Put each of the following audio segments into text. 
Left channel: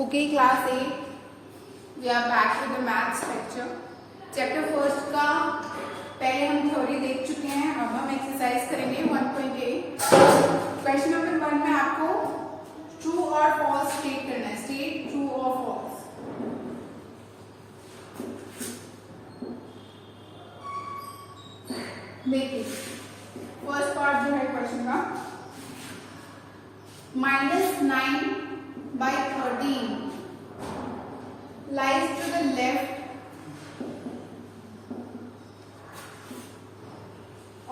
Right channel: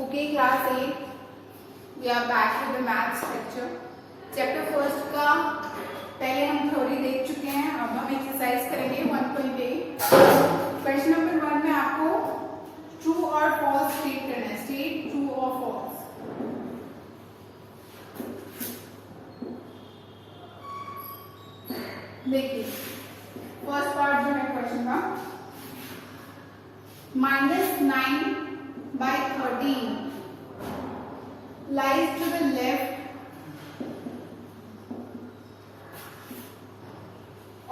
Okay, class 8. We are back with the maths lecture. Chapter first का पहले हम theory देख चुके हैं. अब हम एक्सरसाइज करेंगे 1.8. क्वेश्चन नंबर 1 में आपको ट्रू और फॉल्स स्टेट करना है. स्टेट ट्रू और फॉल्स. देखिए फर्स्ट पार्ट जो है क्वेश्चन का, -9 by 13 lies to the left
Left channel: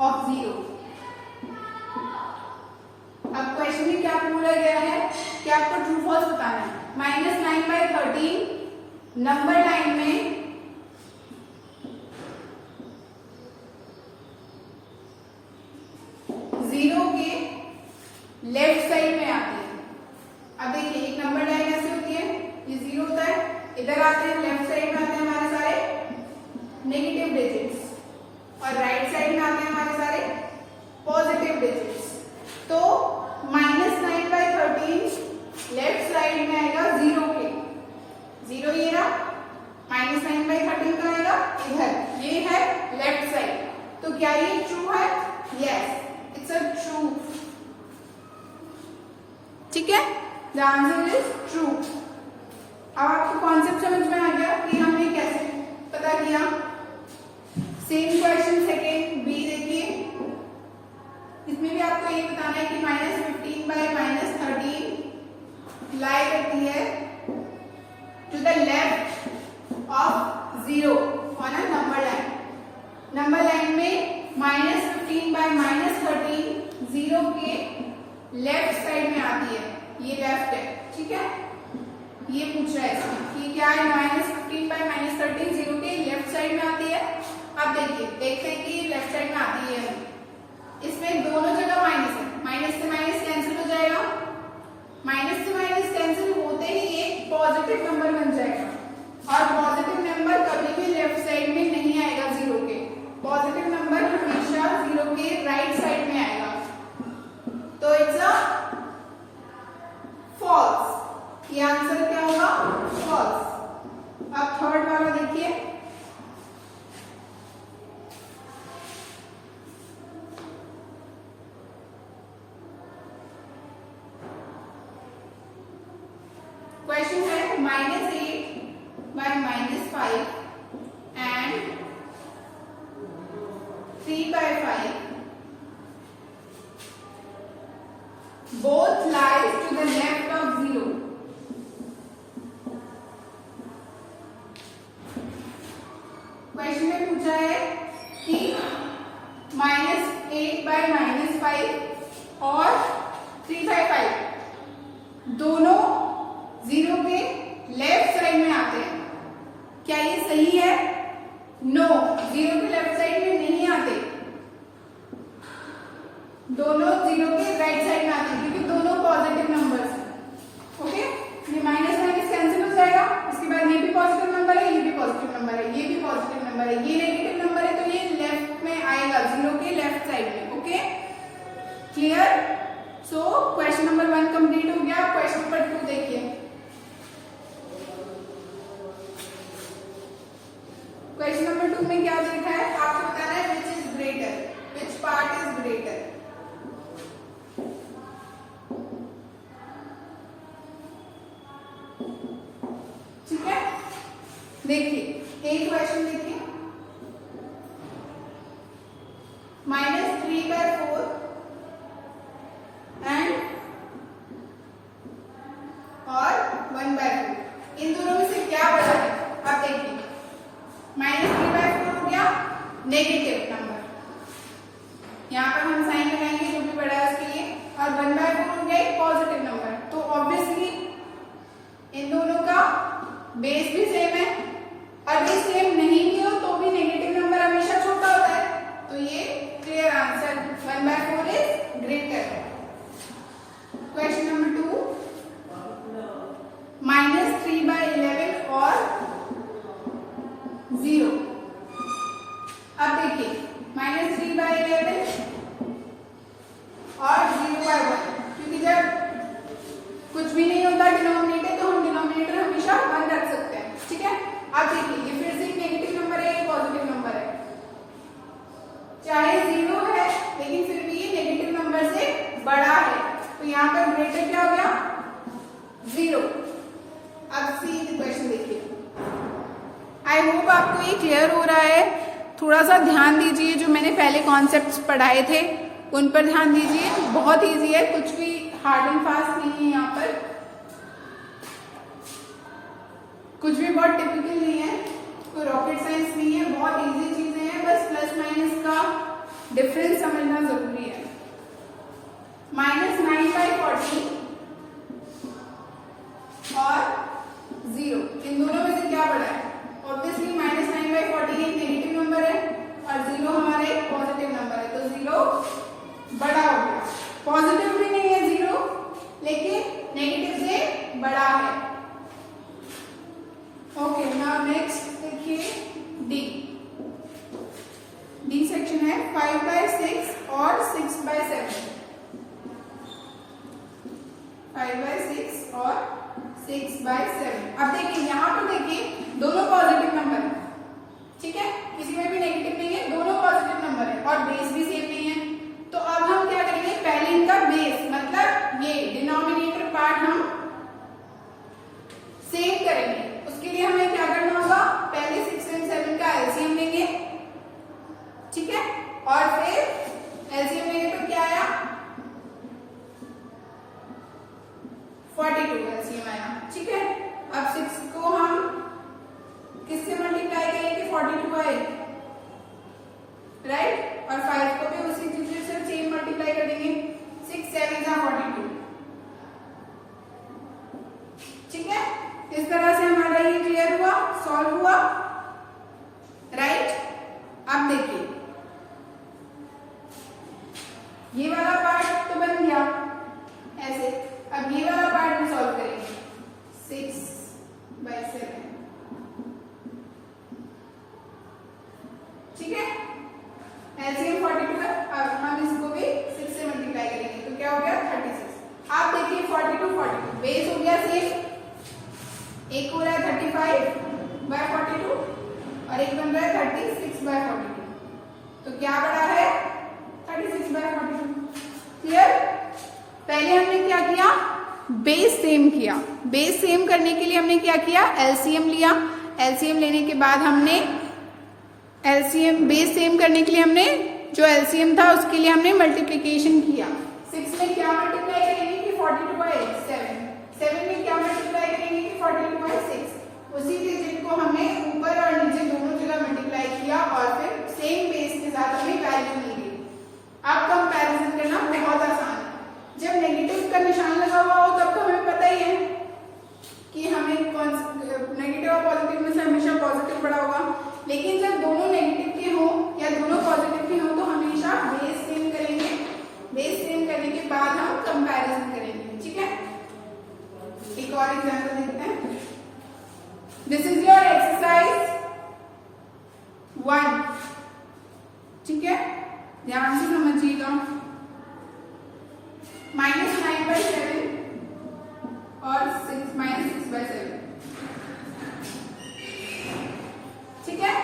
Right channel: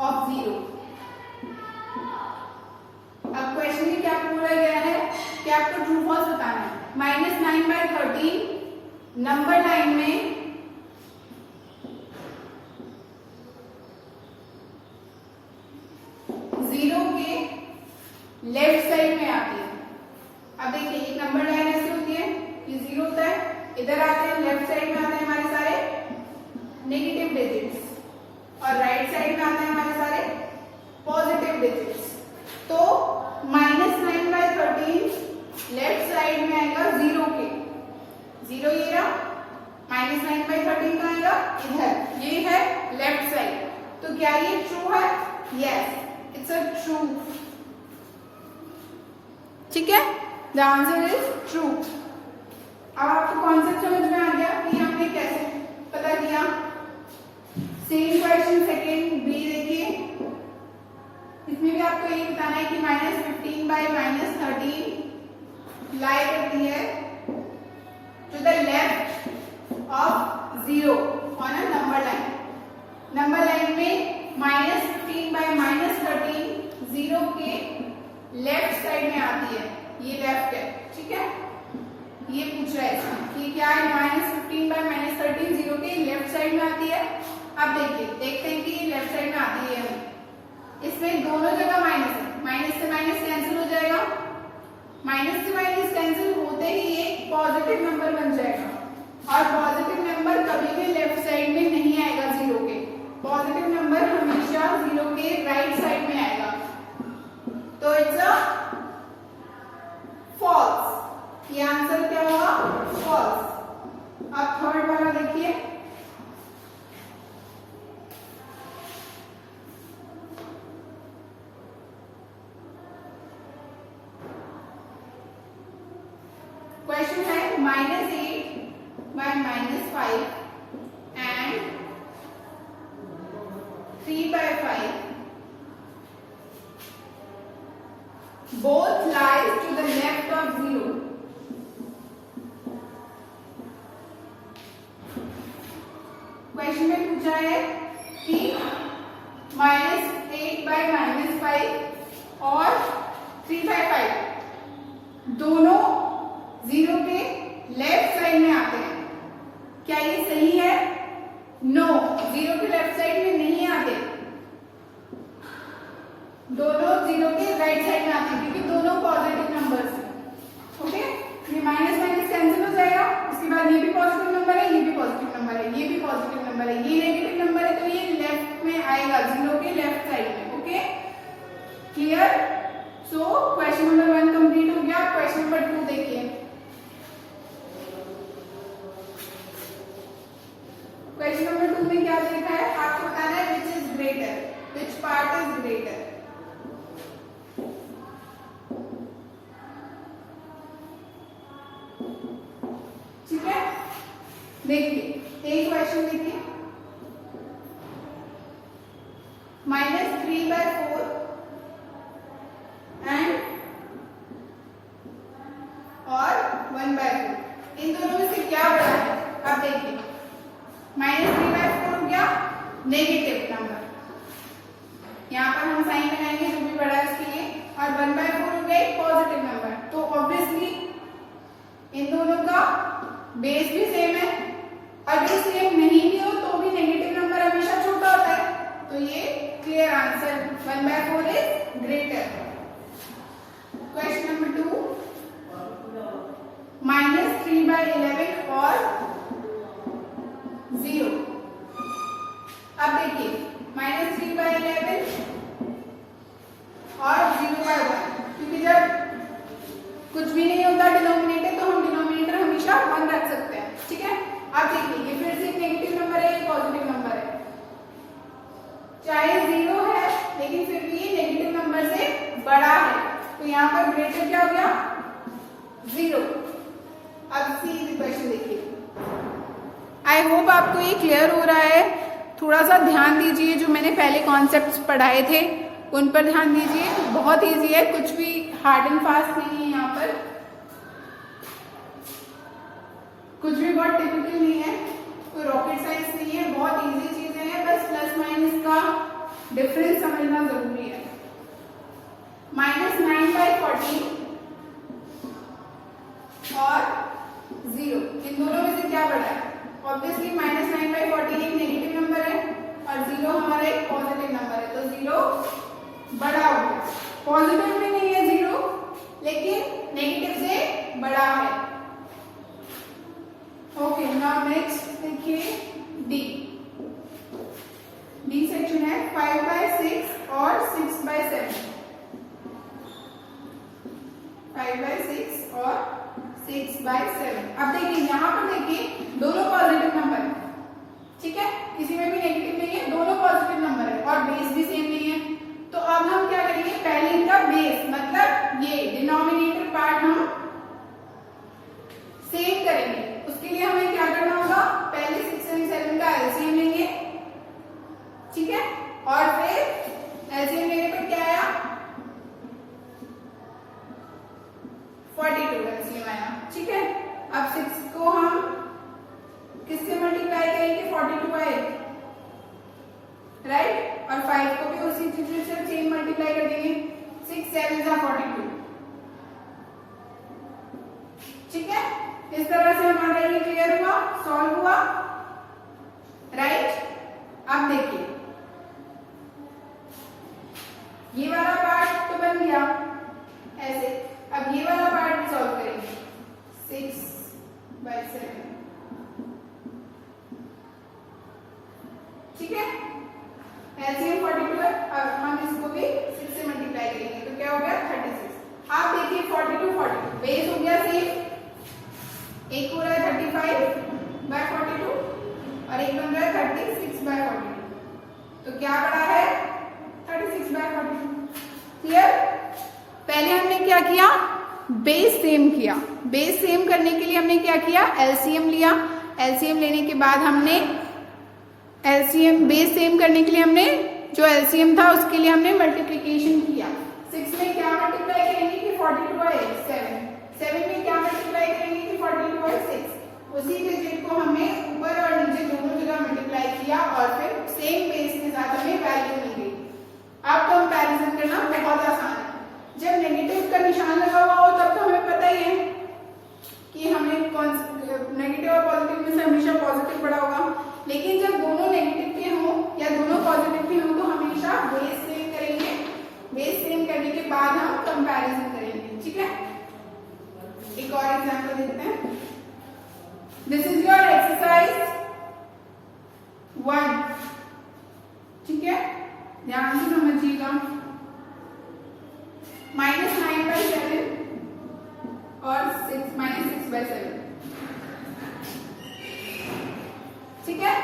of 0. अब क्वेश्चन में क्या पूछा गया है कि आपको ट्रू फॉल्स बताना है. -9 by 13 नंबर लाइन में जीरो के लेफ्ट साइड में आती है. अब देखिए एक नंबर लाइन ऐसे होती है, ये जीरो होता है, इधर आते हैं लेफ्ट साइड में आते हैं हमारे सारे नेगेटिव डिजिट्स और राइट साइड में आते हैं हमारे सारे पॉजिटिव डिजिट्स. तो -9 by 13 लेफ्ट साइड में आएगा जीरो के. जीरो ये रहा, -9 by 13 का आएगा इधर, ये है लेफ्ट साइड. तो क्या ये ट्रू है? Yes, it's a true. ठीक है, द आंसर इज ट्रू. अब आपको कॉन्सेप्ट समझ में आ गया कि हमने कैसे पता किया. सेम क्वेश्चन सेकेंड बी देखिए. इसमें भी आपको ये बताना है कि -15 by -13 लाई करती है to the left of 0 on a number line. Number line में -15 by -13 जीरो के लेफ्ट साइड में आती है. ये लेफ्ट है, ठीक है. ये पूछ रहा है इसमें कि क्या है. -15 by -13 जीरो के लेफ्ट साइड में आती है. अब देखिए देखते हैं कि ये लेफ्ट साइड में आती है. इसमें दोनों जगह माइनस है, माइनस से माइनस कैंसिल हो जाएगा. माइनस से माइनस कैंसिल होते ही एक पॉजिटिव नंबर बन जाएगा. और पॉजिटिव नंबर कभी भी लेफ्ट साइड में नहीं आएगा जीरो के. पॉजिटिव नंबर हमेशा जीरो के राइट साइड में आएगा. तो इट्स अ फॉल्स. ये आंसर क्या होगा? फॉल्स. अब थर्ड वाला देखिए. क्वेश्चन है -8 by -5 and 3 by 5 both lies to the left of 0. Question में पूछा है कि -8 by -5 और 3 by 5 दोनों जीरो के लेफ्ट साइड में आते हैं. क्या ये सही है? नो, जीरो के लेफ्ट साइड में नहीं आते. दोनों जीरो के राइट साइड में आते हैं क्योंकि दोनों पॉजिटिव नंबर्स हैं. ओके, ये माइनस माइनस कैंसिल हो जाएगा. उसके बाद ये भी पॉजिटिव नंबर है, ये भी पॉजिटिव नंबर है, ये भी पॉजिटिव नंबर है, ये नेगेटिव नंबर है. तो ये लेफ्ट में आएगा, जीरो के लेफ्ट साइड में. Okay, clear? So question number 1 complete हो गया. क्वेश्चन नंबर 2 देखिए. क्वेश्चन नंबर 2 में क्या लिखा है? आपको बताना है which is greater, which part is greater. ठीक है, देखिए एक क्वेश्चन देखिए. -3 by 4 एंड और 1 by 4. इन दोनों में से क्या बड़ा है? आप देखिए, -3 by 4 हो गया नेगेटिव नंबर. यहाँ पर हम साइन लगाएंगे जो भी बड़ा है उसके लिए. और 1 by 4 हो गया एक पॉजिटिव नंबर. तो ऑब्वियसली इन दोनों का बेस भी सेम है. और ये सेम नहीं भी हो तो भी नेगेटिव नंबर हमेशा छोटा होता है. तो ये clear answer 1 by 4 is greater. Question number 2, -3 by 11 और 0. अब देखिए -3 by 11 और 0 by 1, क्योंकि जब कुछ भी नहीं होता डिनोमिनेटर तो हम डिनोमिनेटर 0। अब सी द क्वेश्चन देखिए। आई होप आपको ये क्लियर हो रहा है। थोड़ा सा ध्यान दीजिए, जो मैंने पहले कॉन्सेप्ट्स पढ़ाए थे उन पर ध्यान दीजिए। बहुत इजी है, कुछ भी हार्ड एंड फास्ट नहीं है यहाँ पर, कुछ भी बहुत टिपिकल नहीं है, कोई रॉकेट साइंस नहीं है, बहुत इजी चीजें हैं। बस प्लस माइनस का डिफरेंस समझना जरूरी है। -9/40 और 0, इन दोनों में से क्या बड़ा है? ऑब्वियसली -9/40 एक नेगेटिव नंबर है और 0 हमारा एक पॉजिटिव नंबर है, तो 0 बड़ा हो गया। पॉजिटिव भी नहीं है 0, लेकिन नेगेटिव से बड़ा है। ओके, नाउ नेक्स्ट देखिए डी। डी सेक्शन है 5/6 और 6/7। 5/6 और 6/7। अब देखिए यहाँ पर देखिए दोनों पॉजिटिव नंबर है, ठीक है, किसी में भी नेगेटिव नहीं है, दोनों पॉजिटिव नंबर है और बेस भी सेम नहीं है। तो अब हम क्या करेंगे, पहले इनका बेस मतलब ये डिनोमिनेटर पार्ट हम सेम करेंगे। उसके लिए हमें क्या करना होगा, पहले 6 और 7 का एलसीएम लेंगे, ठीक है, और फिर एलसीएम लेने पर क्या आया, 42 एलसीएम आया, ठीक है। अब 6 को हम किससे मल्टीप्लाई करेंगे, 42 बाय, राइट, और 5 को भी उसी दूसरे से सेम मल्टीप्लाई करेंगे, 6 7 जा 42, ठीक है। इस तरह से हमारा ये क्लियर हुआ, सॉल्व हुआ, राइट। अब देखिए ये वाला पार्ट तो बन गया ऐसे, अब ये वाला पार्ट भी सॉल्व करेंगे, 6/7, ठीक है। एलसीएम 42 है, अब हम इसको भी 6 से मल्टीप्लाई करेंगे, तो क्या हो गया 36। आप देखिए 42 बेस हो गया सेम, एक हो रहा है 35/42 और एक बन रहा है 36/42, तो क्या बड़ा है 36/42। क्लियर। पहले हमने क्या किया, बेस सेम किया। बेस सेम करने के लिए हमने क्या किया, एलसीएम लिया। एलसीएम लेने के बाद हमने एलसीएम, बेस सेम करने के लिए हमने जो एलसीएम था उसके लिए हमने मल्टीप्लीकेशन किया। 6 में क्या मल्टीप्लाई करेंगे कि 42/7, 7 में क्या मल्टीप्लाई करेंगे कि 42/6। उसी डिजिट को हमने ऊपर और नीचे दोनों जगह मल्टीप्लाई किया और फिर सेम बेस के साथ हमें वैल्यू मिल गई। अब कंपैरिजन करना बहुत आसान है। जब नेगेटिव का निशान लगा हुआ हो तब तो हमें पता ही है कि हमें नेगेटिव और पॉजिटिव में से हमेशा पॉजिटिव बड़ा होगा, लेकिन जब दोनों नेगेटिव के हों या दोनों पॉजिटिव के हों तो हमेशा बेस सेम करेंगे। बेस सेम करने के बाद हम कंपैरिजन करेंगे, ठीक है। एक और एग्जांपल देखते हैं। दिस इज योर एक्सरसाइज 1, ठीक है, ध्यान से समझिएगा। -9/7 और 6/7, ठीक है।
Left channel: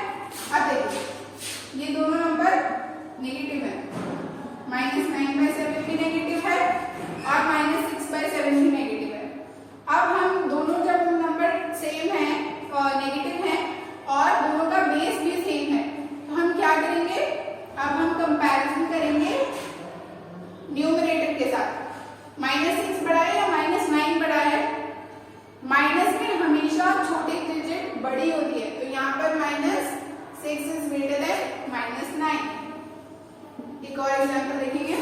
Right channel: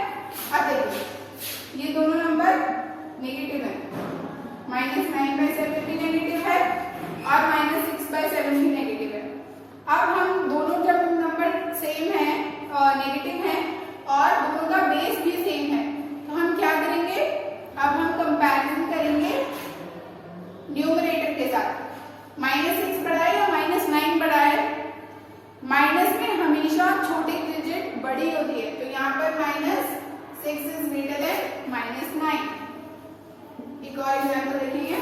अब देखिए ये दोनों नंबर नेगेटिव है, -9/7 भी नेगेटिव है और -6/7 भी नेगेटिव है। अब हम दोनों जब नंबर सेम है और नेगेटिव है और दोनों का बेस भी सेम है, तो हम क्या करेंगे, अब हम कंपैरिजन करेंगे न्यूमरेटर के साथ। -6 बड़ा है या -9 बड़ा है, माइनस में हमेशा छोटी डिजिट बड़ी होती है, तो यहाँ पर -6 इज ग्रेटर देन -9। एक और एग्जांपल देखेंगे।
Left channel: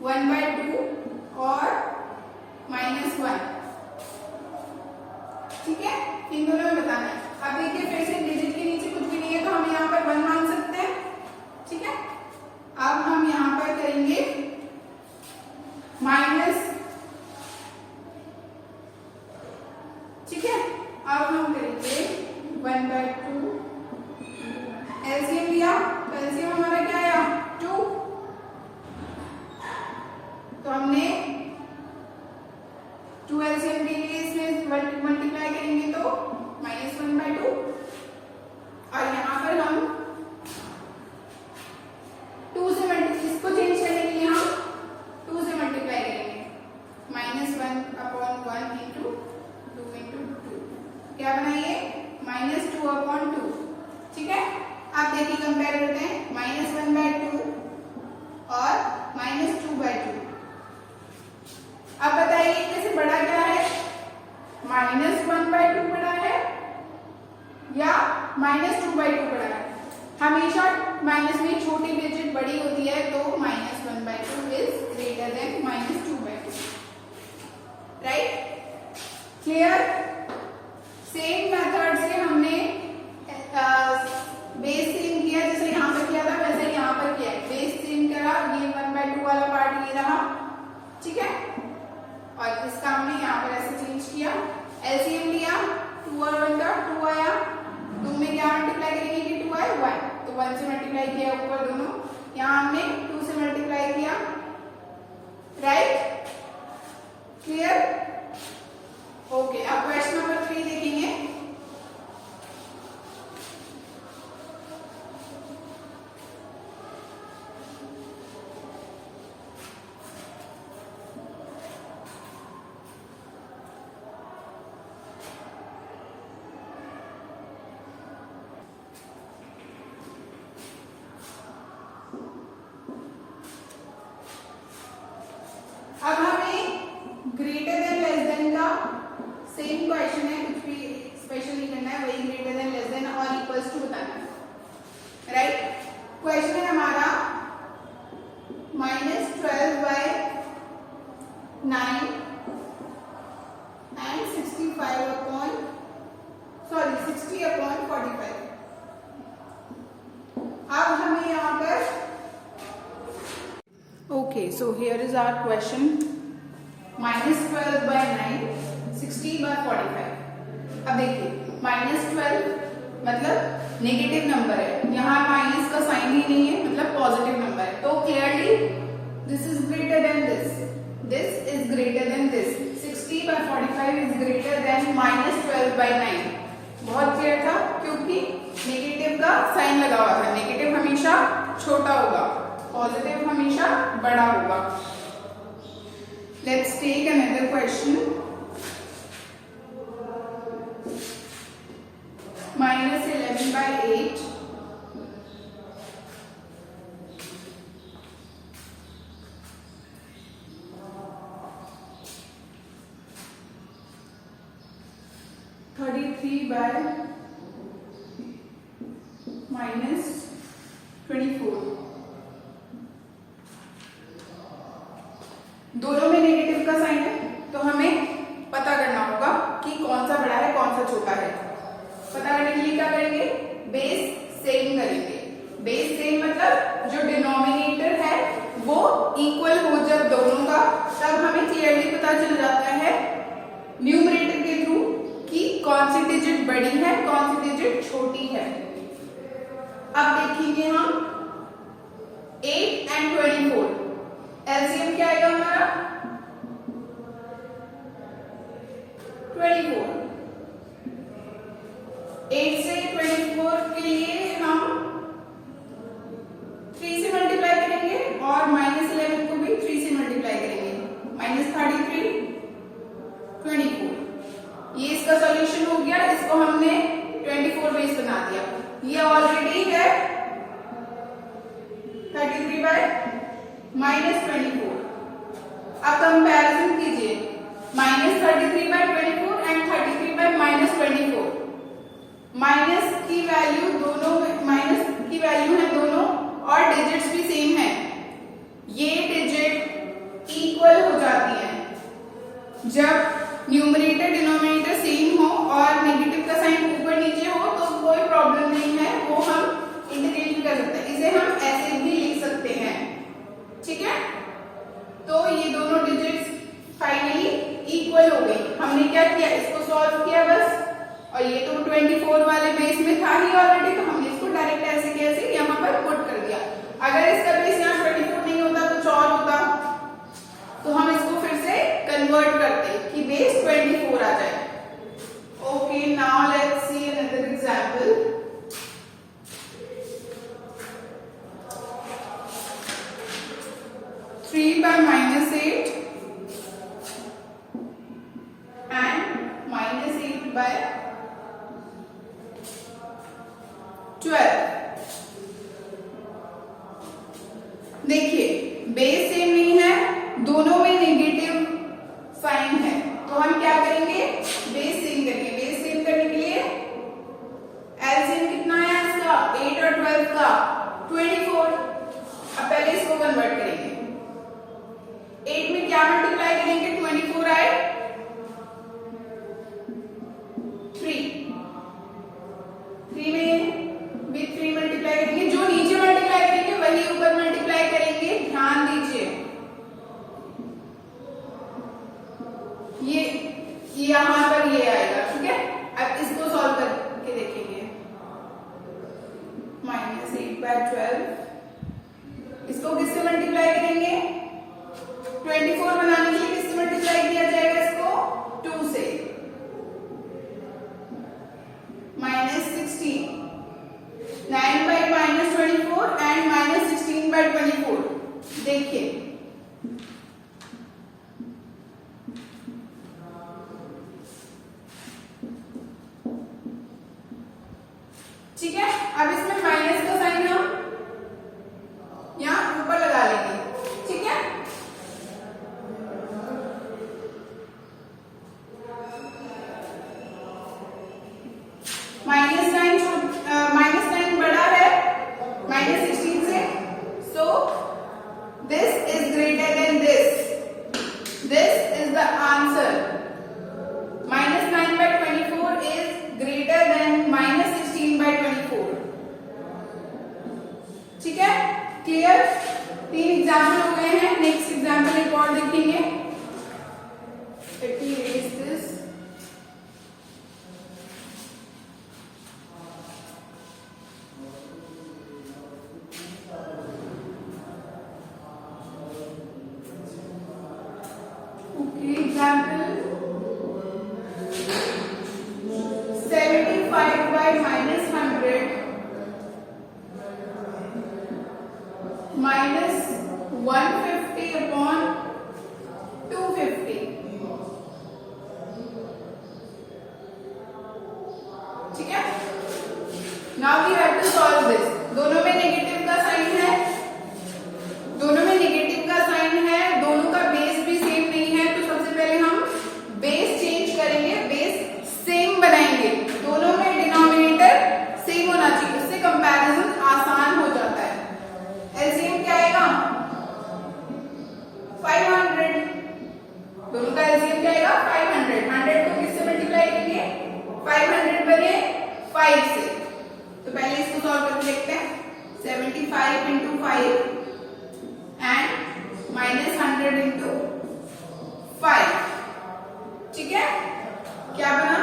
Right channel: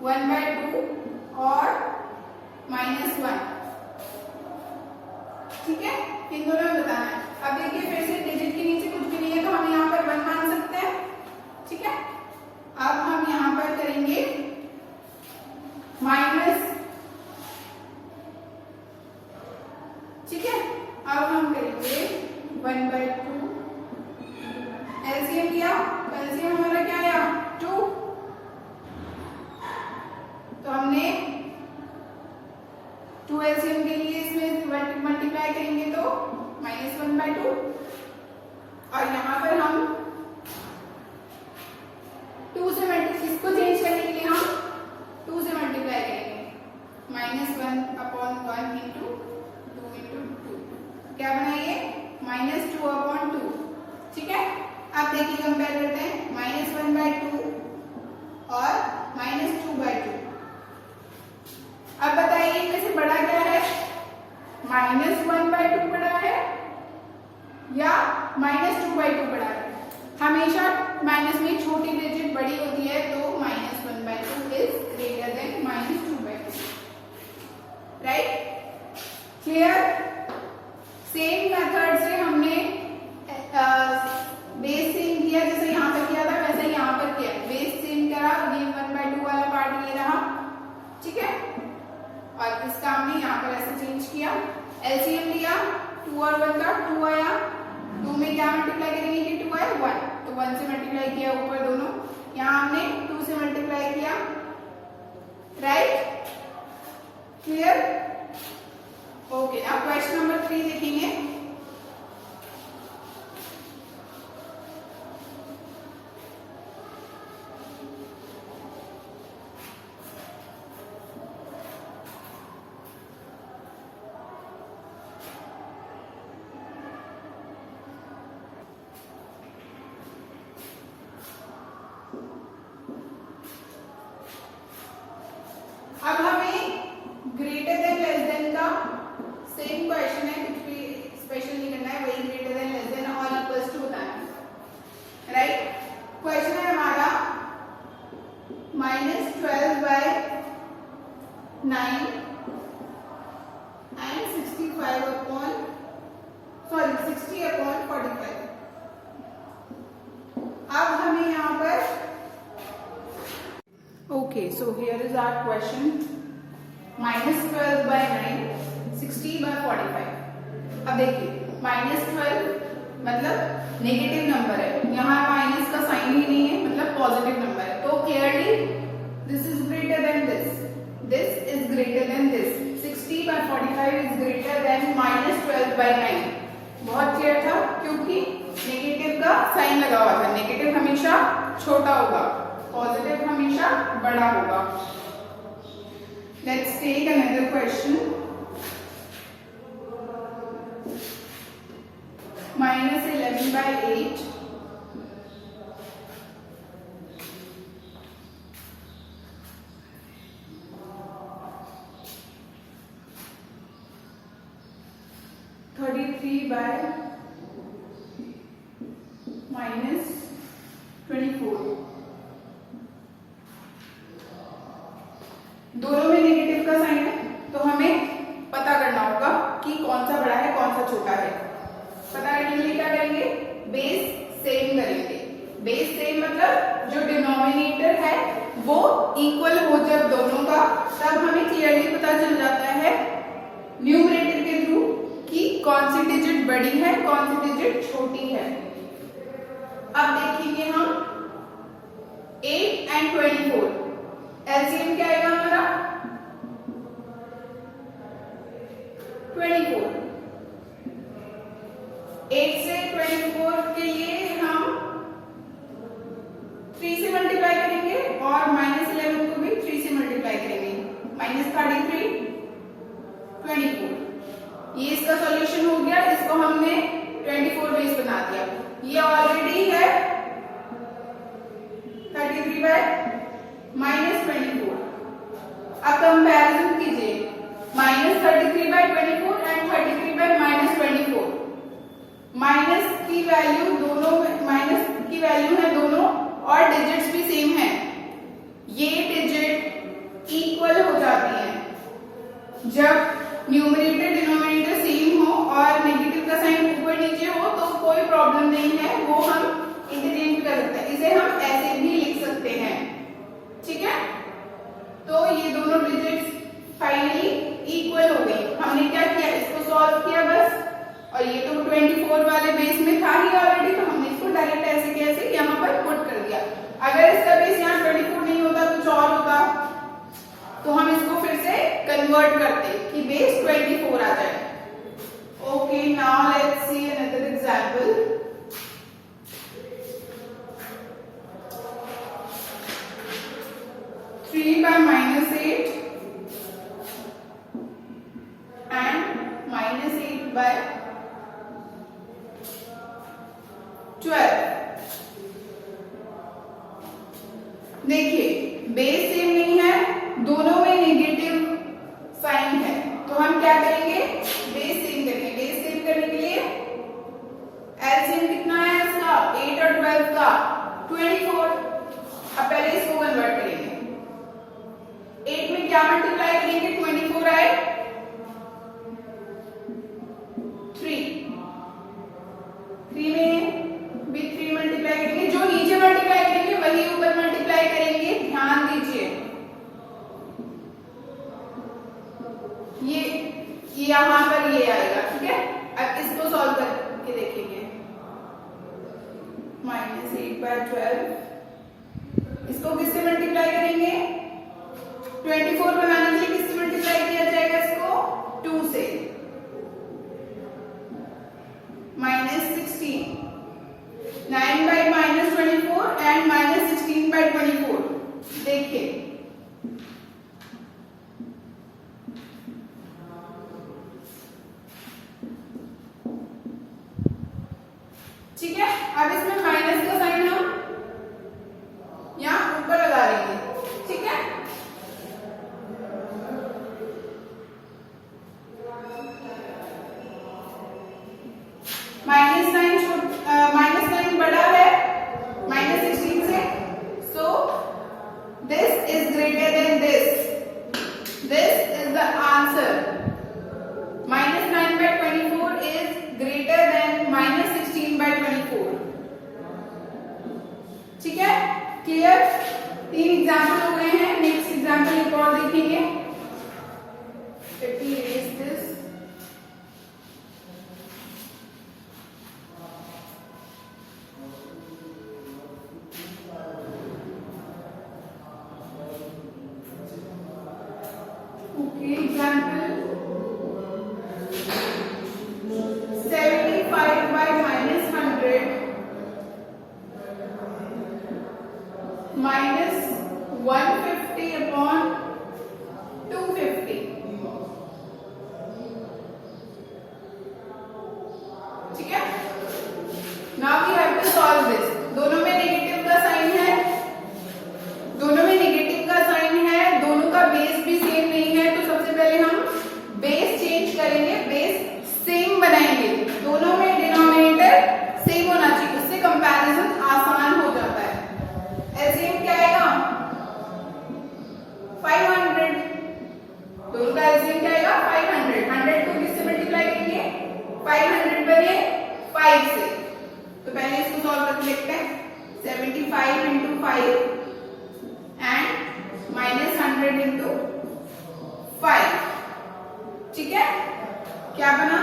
-1/2 और -1, ठीक है, इन दोनों में बताना है। अब देखिए फिर से डिजिट के नीचे कुछ भी नहीं है तो हम यहाँ पर 1 मान सकते हैं, ठीक है। अब हम यहाँ पर करेंगे माइनस, ठीक है। अब हम करेंगे 1/2, एलसीएम लिया, एलसीएम हमारा क्या आया 2, तो हमने 2 एलसीएम के लिए इसमें मल्टीप्लाई करेंगे तो -1/2 और यहाँ पर हम 2 किया, एलसीएम लिया, 2 और 1 का 2 आया, 2 में क्या मल्टीप्लाई करेंगे कि 2 आए 1, तो 1 से मल्टीप्लाई किया ऊपर दोनों, यहाँ हमने 2 से मल्टीप्लाई किया, राइट, क्लियर, ओके। अब क्वेश्चन नंबर 3 देखेंगे। अब हमें ग्रेटर देन लेस देन का सेम क्वेश्चन है, कुछ भी स्पेशल नहीं करना है, वही ग्रेटर देन लेस देन और इक्वल्स टू बताना है, राइट। क्वेश्चन है हमारा -12/9 एंड 60/45। अब हमें यहाँ पर okay, so here is our question, -12/9 60/45। अब देखिए -12 मतलब नेगेटिव नंबर है, यहाँ माइनस का साइन ही नहीं है, मतलब पॉजिटिव नंबर है, तो clearly this is greater than this is greater than this, 60/45 is greater than -12/9। बहुत क्लियर था, क्योंकि नेगेटिव का साइन लगा हुआ था, नेगेटिव हमेशा छोटा होगा, पॉजिटिव हमेशा बड़ा होगा। Let's take another question, -11/8 33/-24। दोनों में नेगेटिव का साइन है, तो हमें पता करना होगा कि कौन सा बड़ा है कौन सा छोटा है। पता करने के लिए क्या करेंगे, बेस सेम करेंगे। बेस सेम मतलब जो डिनोमिनेटर है वो इक्वल हो जब दोनों का, तब हमें क्लियरली पता चल जाता है न्यूमरेटर के थ्रू कि कौन सी डिजिट बड़ी है कौन सी डिजिट छोटी है। अब देखेंगे हम 8 एंड 24, एलसीएम क्या आएगा हमारा 24। 8 से 24 के लिए हम 3 से मल्टीप्लाई करेंगे और -11 को भी 3 से मल्टीप्लाई करेंगे, -33 24। ये इसका सॉल्यूशन हो गया, इसको हमने 24 बेस बना दिया। ये ऑलरेडी है 33/-24। अब कंपैरिजन कीजिए, -33/24 एंड 33/-24। माइनस की वैल्यू दोनों, माइनस की वैल्यू है दोनों और डिजिट्स भी सेम है, ये डिजिट इक्वल हो जाती है। जब न्यूमरेटर डिनोमिनेटर सेम हो और नेगेटिव का साइन ऊपर नीचे हो तो कोई प्रॉब्लम नहीं है, वो हम इंटरचेंज भी कर सकते हैं, इसे हम ऐसे भी लिख सकते हैं, ठीक है। तो ये दोनों डिजिट्स फाइनली इक्वल हो गई। हमने क्या किया, इसको सॉल्व किया बस, और ये तो 24 वाले बेस में था ही ऑलरेडी, तो हमने इसको डायरेक्ट ऐसे के ऐसे यहाँ पर पुट कर दिया। अगर इसका बेस यहाँ 24 नहीं होता, कुछ और होता, तो हम इसको फिर से कन्वर्ट करते कि बेस 24 आ जाए। Okay, now let's see another example. Three by -8 and -8 by 12। देखिए बेस सेम नहीं है, दोनों में नेगेटिव साइन है, तो हम क्या करेंगे, बेस सेम करेंगे। बेस सेम करने के लिए एलसीएम कितना है इसका, 8 और 12 का 24। अब पहले इसको कन्वर्ट करेंगे, 8 में क्या मल्टीप्लाई करेंगे, 24 आए 3 में भी 3 मल्टीप्लाई करेंगे, जो नीचे मल्टीप्लाई करेंगे वही ऊपर मल्टीप्लाई करेंगे, ध्यान दीजिए। ये यहाँ पर ये आएगा, ठीक है। अब इसको सॉल्व करके देखेंगे। -8/12 इसको किससे मल्टीप्लाई करेंगे? 24 बनाने के लिए किससे मल्टीप्लाई किया जाएगा इसको? 2 से। -16 9/-24 एंड -16/24। देखिए ठीक है। अब इसमें माइनस का साइन हम यहाँ ऊपर लगा लेंगे, ठीक है। -9 बड़ा है -16 से, सो this is greater than this is the answer. -9/24 is greater than -16/24, ठीक है। क्लियर? 3 एग्जाम्पल हुए हैं। नेक्स्ट एग्जाम्पल एक और देखेंगे। एग्जाम्पल 75/-100 -150/250, ठीक है। Now we have to solve this. दोनों में नेगेटिव का साइन है, दोनों का बेस भी सेम नहीं है, तो सबसे पहले हम बेस चेंज करेंगे, बेस सेम बनाएंगे। दोनों में डिनोमिनेटर सेम होना चाहिए, उससे कंपैरिजन आसान हो जाता है। एलसीएम क्या आएगा? 500। दोनों का एलसीएम क्या आएगा? 500। 100 को किससे मल्टीप्लाई करेंगे? 500 बने 5 से। तो पहले इसको सॉल्व करके देखते हैं। 75 into 5 एंड -100 into 5, ठीक है। क्या बना?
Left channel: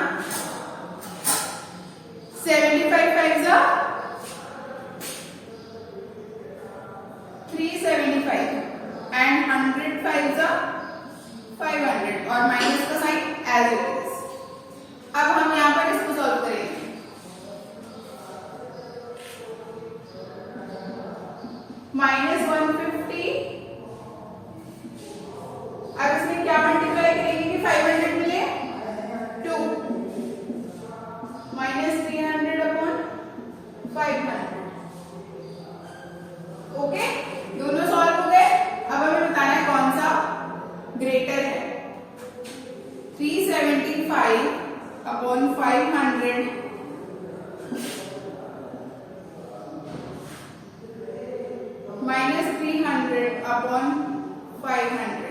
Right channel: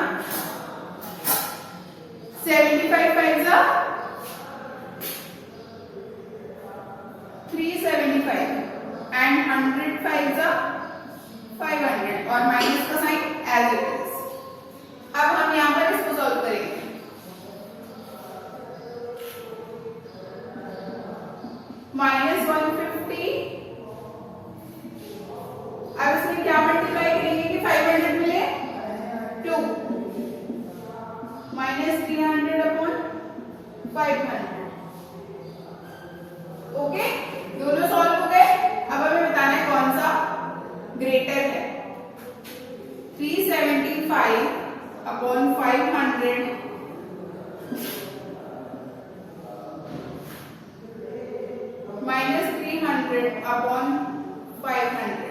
75 5 375 एंड 100 5 500 और माइनस का साइन एज इट इज। अब हम यहाँ पर इसको सॉल्व करेंगे। -150, अब इसमें क्या मल्टीप्लाई करेंगे कि 500 मिले? 2 -300/500। ओके, दोनों सॉल्व हो गए। अब हमें बताना है कौन सा ग्रेटर है। 375/500 -300/500,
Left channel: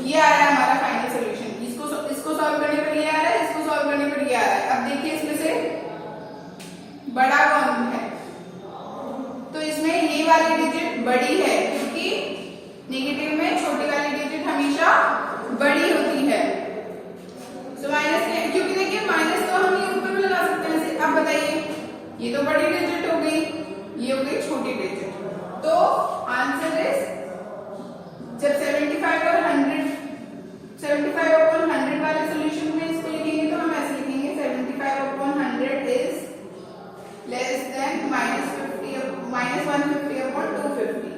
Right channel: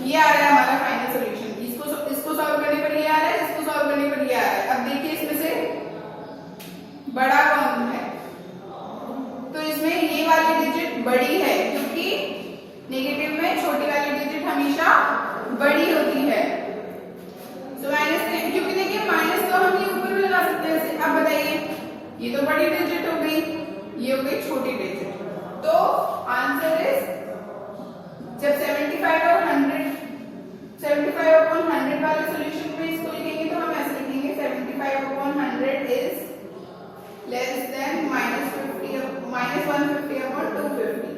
ये आ रहा है हमारा फाइनल सॉल्यूशन। इसको सॉल्व करने पर ये आ रहा है, इसको सॉल्व करने पर ये आ रहा है। अब देखिए इसमें से बड़ा कौन है? तो इसमें ये वाली डिजिट बड़ी है, क्योंकि नेगेटिव में छोटी वाली डिजिट हमेशा बड़ी होती है। तो माइनस, क्योंकि देखिए माइनस तो हम ये ऊपर भी लगा सकते हैं। अब बताइए, ये तो बड़ी डिजिट हो गई, ये हो गई छोटी डिजिट। तो आंसर इज, जब 75/100 वाले सॉल्यूशन में इसको लिखेंगे तो हम ऐसे लिखेंगे 75/100 इज लेस देन -150/250।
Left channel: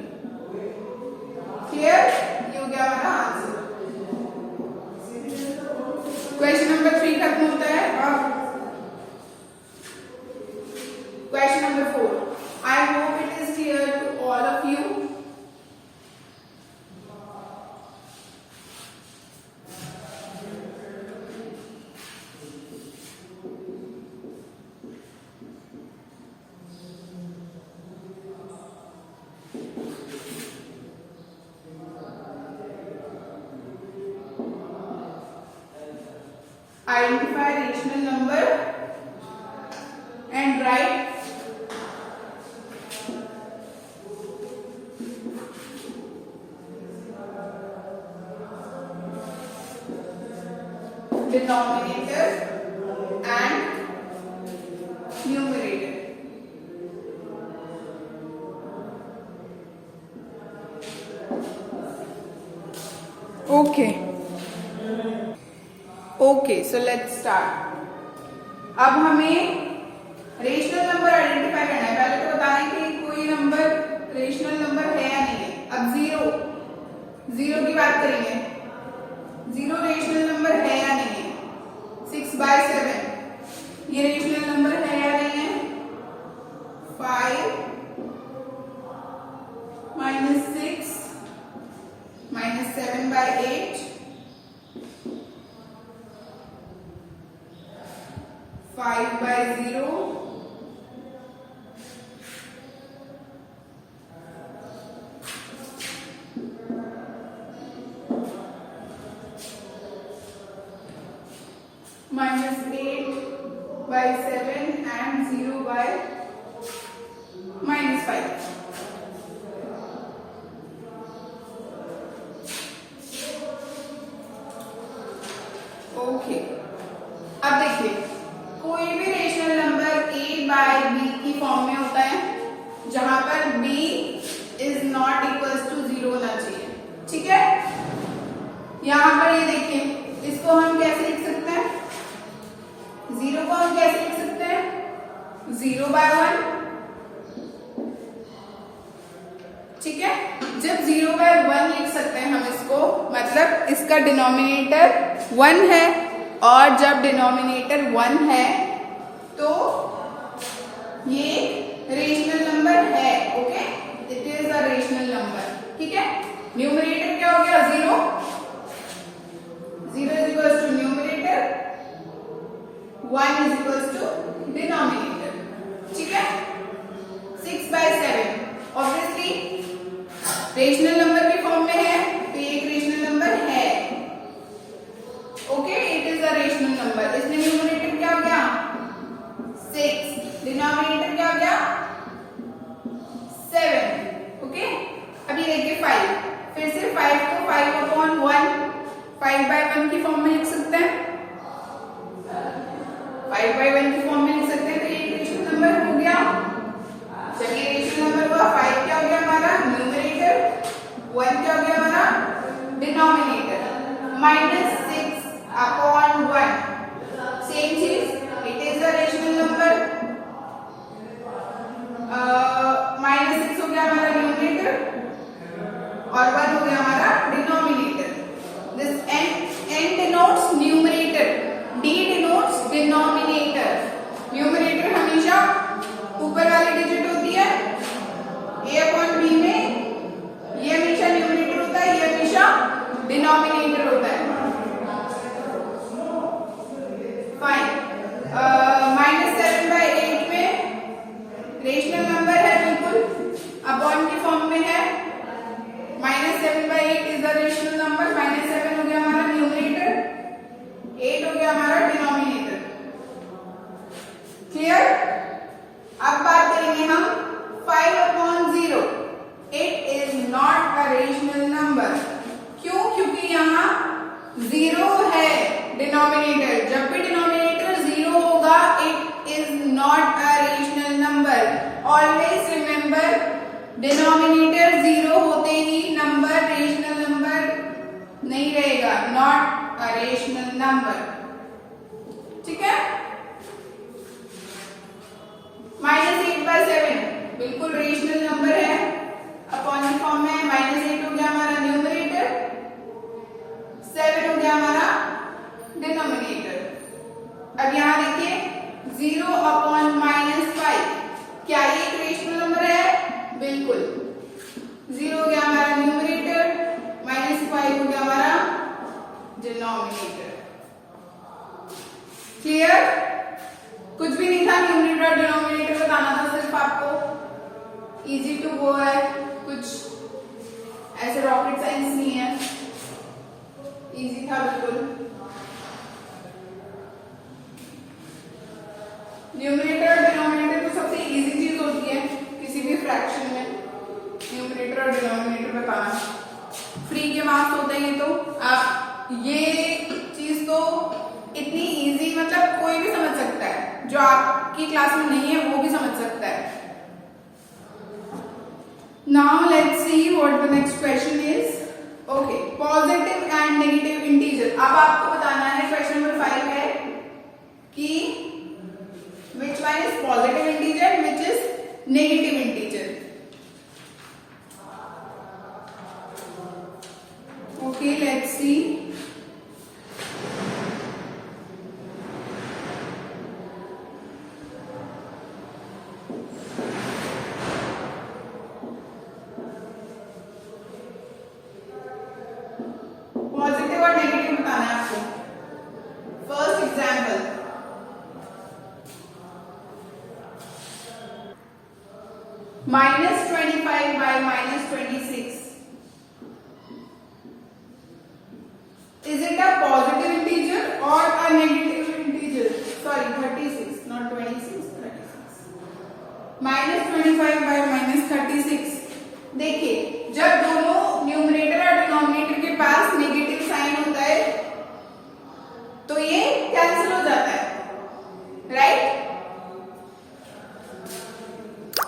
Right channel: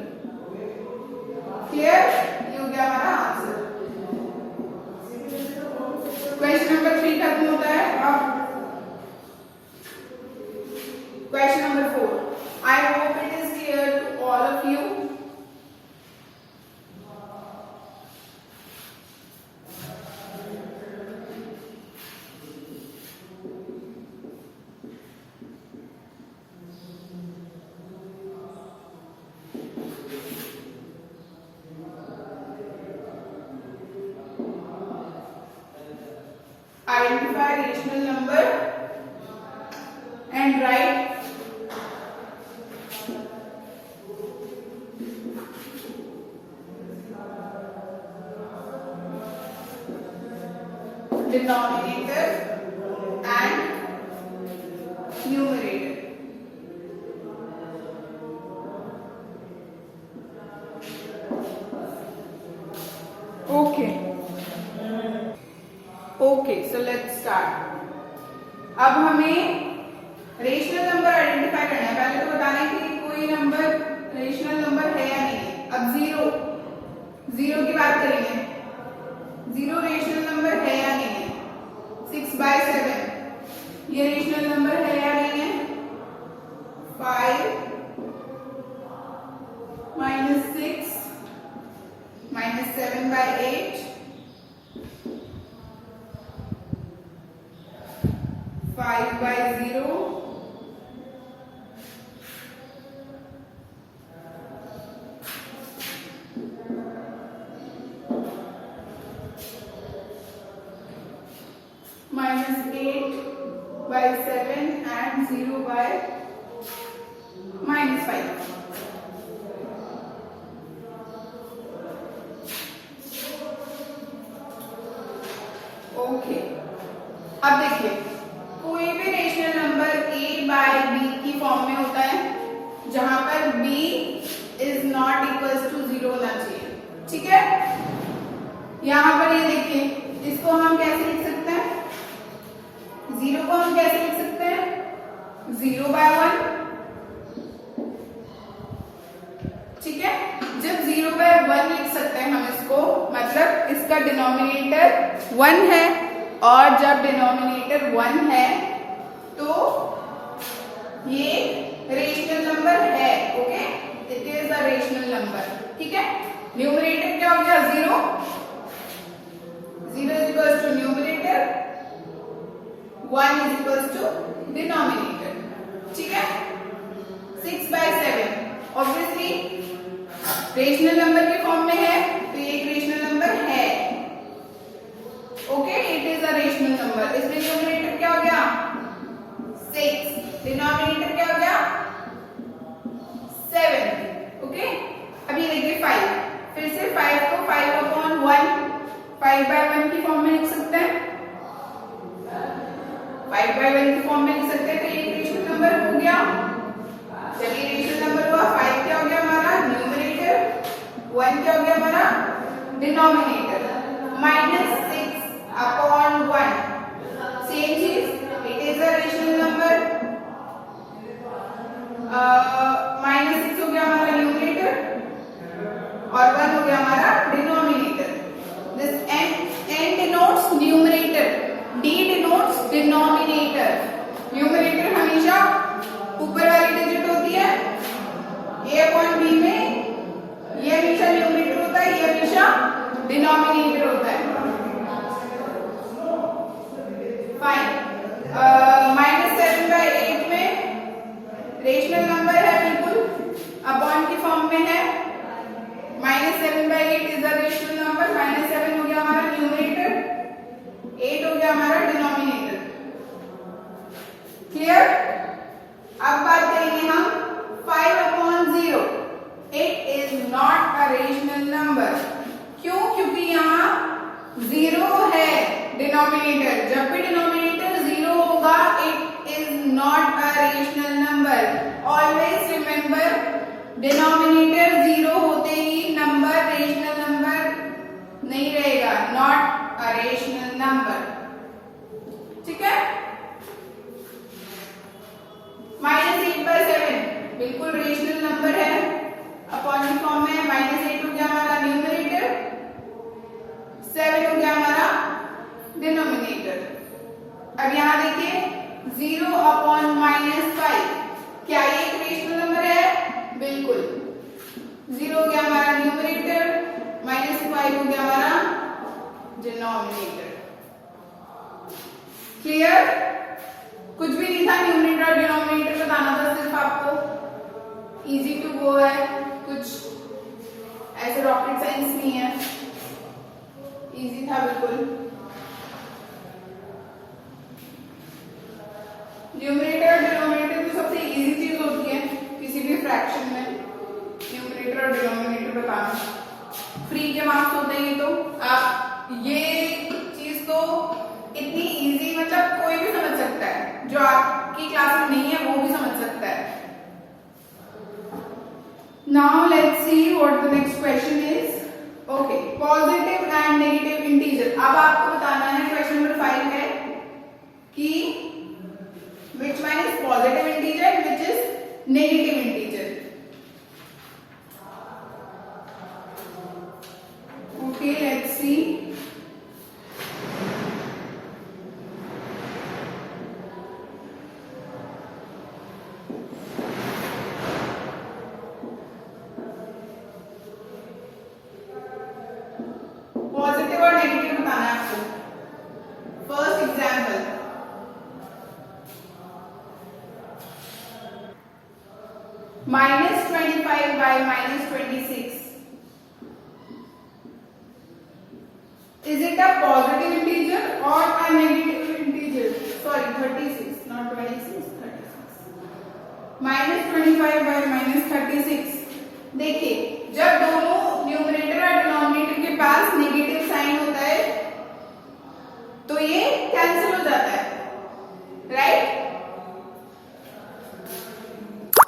क्लियर? ये हो गया हमारा आंसर। क्वेश्चन नंबर 3 खत्म होता है। अब question number 4। I hope it is clear to all of you. Identify rational number and write denominator and numerator. Okay, so let's start. अब हमें रेशनल नंबर आइडेंटिफाई करना है। पहले तो बताना है कि कोई नंबर रेशनल नंबर है या नहीं है। अब जीरो की बात करेंगे। जीरो रेशनल नंबर है या नहीं है। 6/7 ये रेशनल नंबर है या नहीं है। 5 - 6 - 7/8 5/0 -8/7 and 0/-5. ओके, अब देखिए कोई भी रेशनल नंबर a/b की फॉर्म में होता है जहां पर b is not equals to 0 होना चाहिए। ठीक है, यहां पर ये देखिए, इसको हम कैसे लिख सकते हैं। 0 को हम कैसे लिख सकते हैं। 0/1। ठीक है, जब 0/1 लिख सकते हैं हम इसको, मतलब इसका डिनोमिनेटर 1 है, और जब डिनोमिनेटर 1 है तो ये रेशनल नंबर है। Okay, it is a rational number. ठीक है, न्यूमरेटर क्या हो गया 0 is equals to numerator, 1 is equals to denominator. ठीक है, 6/7 ऑब्वियसली रेशनल नंबर के फॉर्म में है तो ये एक रेशनल नंबर है। Okay, it is a rational number. इसमें न्यूमरेटर क्या हो गया 6, डिनोमिनेटर क्या हो गया 7। ओके, अभी देखिए 5, फिर से 5 को 5/1 5/1 की फॉर्म में लिख सकते हैं। 5/1 की फॉर्म में लिख सकते हैं, तो ये रेशनल नंबर हो गया। चलिए, रेशनल नंबर हुआ। 5 क्या हो गया हमारा न्यूमरेटर, 1 क्या हो गया हमारा डिनोमिनेटर। -6/1 सेम चीज, it is a rational number. -6 हो गया हमारा न्यूमरेटर और 1 हो गया हमारा denominator. This n denotes numerator, d denotes denominator. Numerator हमेशा ऊपर वाली डिजिट होती है a/b में, ये हमेशा न्यूमरेटर होता है, ये हमेशा डिनोमिनेटर होता है। फाइन, -7/8 में रेशनल नंबर है बिल्कुल, अपॉन की फॉर्म में है। -7/8 इज अ रेशनल नंबर। -7 हो गया हमारा न्यूमरेटर, 8 हो गया हमारा डिनोमिनेटर। क्लियर? अब बात करेंगे हम 5/0। It is not a rational number. क्यों? क्योंकि यहाँ 0 है डिनोमिनेटर। जब भी डिनोमिनेटर 0 होगा, it is not a rational number. Always remember, denominator 0 होते ही नंबर रेशनल नंबर नहीं रहेगा, नॉट अ रेशनल नंबर। ठीक है, -8/7 बिल्कुल रेशनल नंबर है, अपॉन की फॉर्म में। -8 हो गया हमारा न्यूमरेटर, 7 हो गया हमारा डिनोमिनेटर। अब यहां देखिए 0/-5, क्या ये एक रेशनल नंबर है? बिल्कुल। 0 हो गया हमारा न्यूमरेटर, -5 हो गया हमारा डिनोमिनेटर। क्लियर? कुछ भी नहीं था, न्यूमरेटर और डिनोमिनेटर बताना था सिर्फ आपको। इजी टू गो है, कुछ ऐसे रॉकेट साइंस नहीं है, इजी था बिल्कुल। न्यूमरेटर और डिनोमिनेटर तो सबसे इजी चीज होती है किसी भी फ्रैक्शन में, न्यूमरेटर और डिनोमिनेटर बताना। फ्री के मार्क्स होते हैं, तो आप ये चीज तो कोई भी समझ सकता है, जो आपकी क्लास में नहीं है वो भी समझ सकता है। Now let's see what the next question is. Okay, positive and negative integer. अब आपको बताना है, क्वेश्चन नंबर 5 है कि which one is positive integer, which is negative integer. Okay, let's see. Positive और नेगेटिव बताना है आपको। First example, -25 by -26. Is it a positive integer or a negative integer? Sorry, 36, not 26, 36. -25 by -36. देखिए, जब दोनों numerator और डिनोमिनेटर के पास negative sign होता है तो ये कैंसिल हो जाता है, राइट?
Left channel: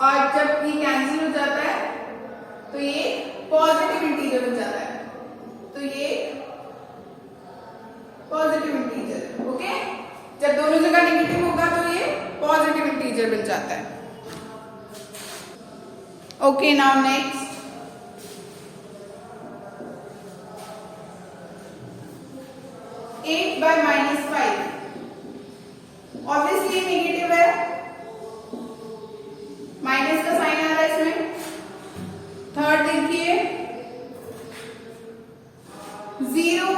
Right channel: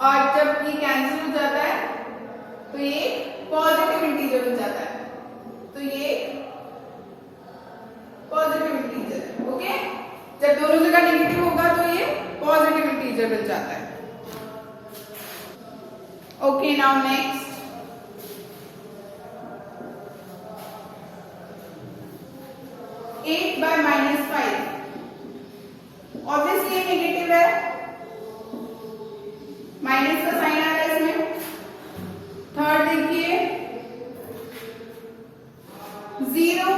और जब ये कैंसिल हो जाता है तो ये पॉजिटिव इंटीजर हो जाता है, तो ये पॉजिटिव इंटीजर। ओके, जब दोनों जगह नेगेटिव होगा तो ये पॉजिटिव इंटीजर बन जाता है। Okay, now next, eight by -5। Obviously negative है, माइनस का साइन आ रहा है इसमें। थर्ड देखिए, 0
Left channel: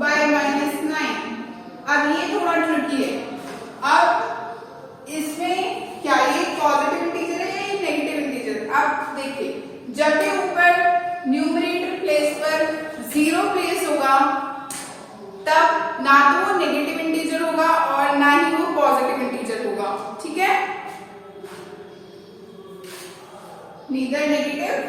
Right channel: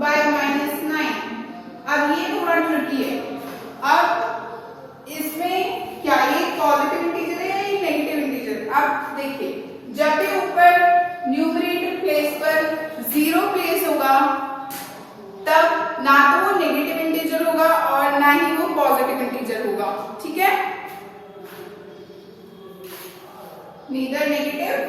बाय -9। अब ये थोड़ा ट्रिकी है। अब इसमें क्या ये पॉजिटिव इंटीजर है या ये नेगेटिव इंटीजर? अब देखिए, जब भी ऊपर न्यूमरेटर प्लेस पर 0 प्लेस होगा तब ना तो वो नेगेटिव इंटीजर होगा और ना ही वो पॉजिटिव इंटीजर होगा, ठीक है? neither negative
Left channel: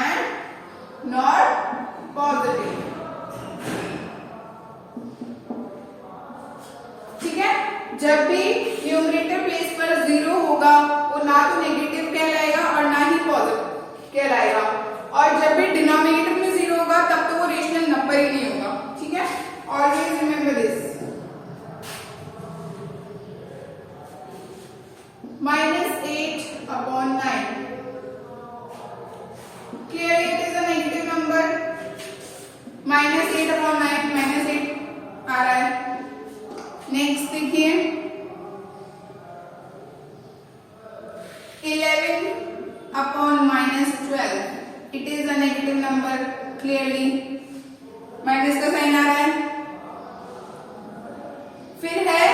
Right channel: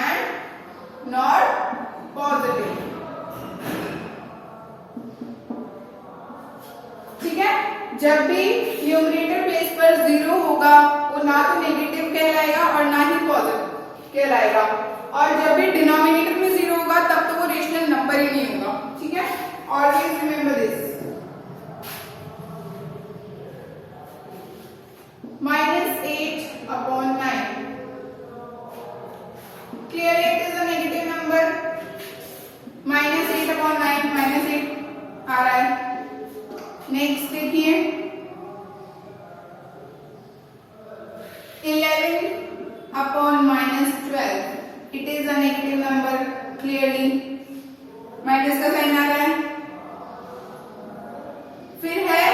and nor positive, ठीक है? जब भी न्यूमरेटर प्लेस पर 0 होगा वो ना तो नेगेटिव कहलाएगा और ना ही पॉजिटिव कहलाएगा, और जब भी डिनोमिनेटर में 0 होगा तब तो वो रेशनल नंबर ही नहीं होगा, ठीक है? Always remember this. -8/9. Here it is a negative number. -8/9, -8 आ रहा है। नेक्स्ट देखिए, 11/-12. It is a negative number clearly. Minus का साइन आ रहा है। फिर है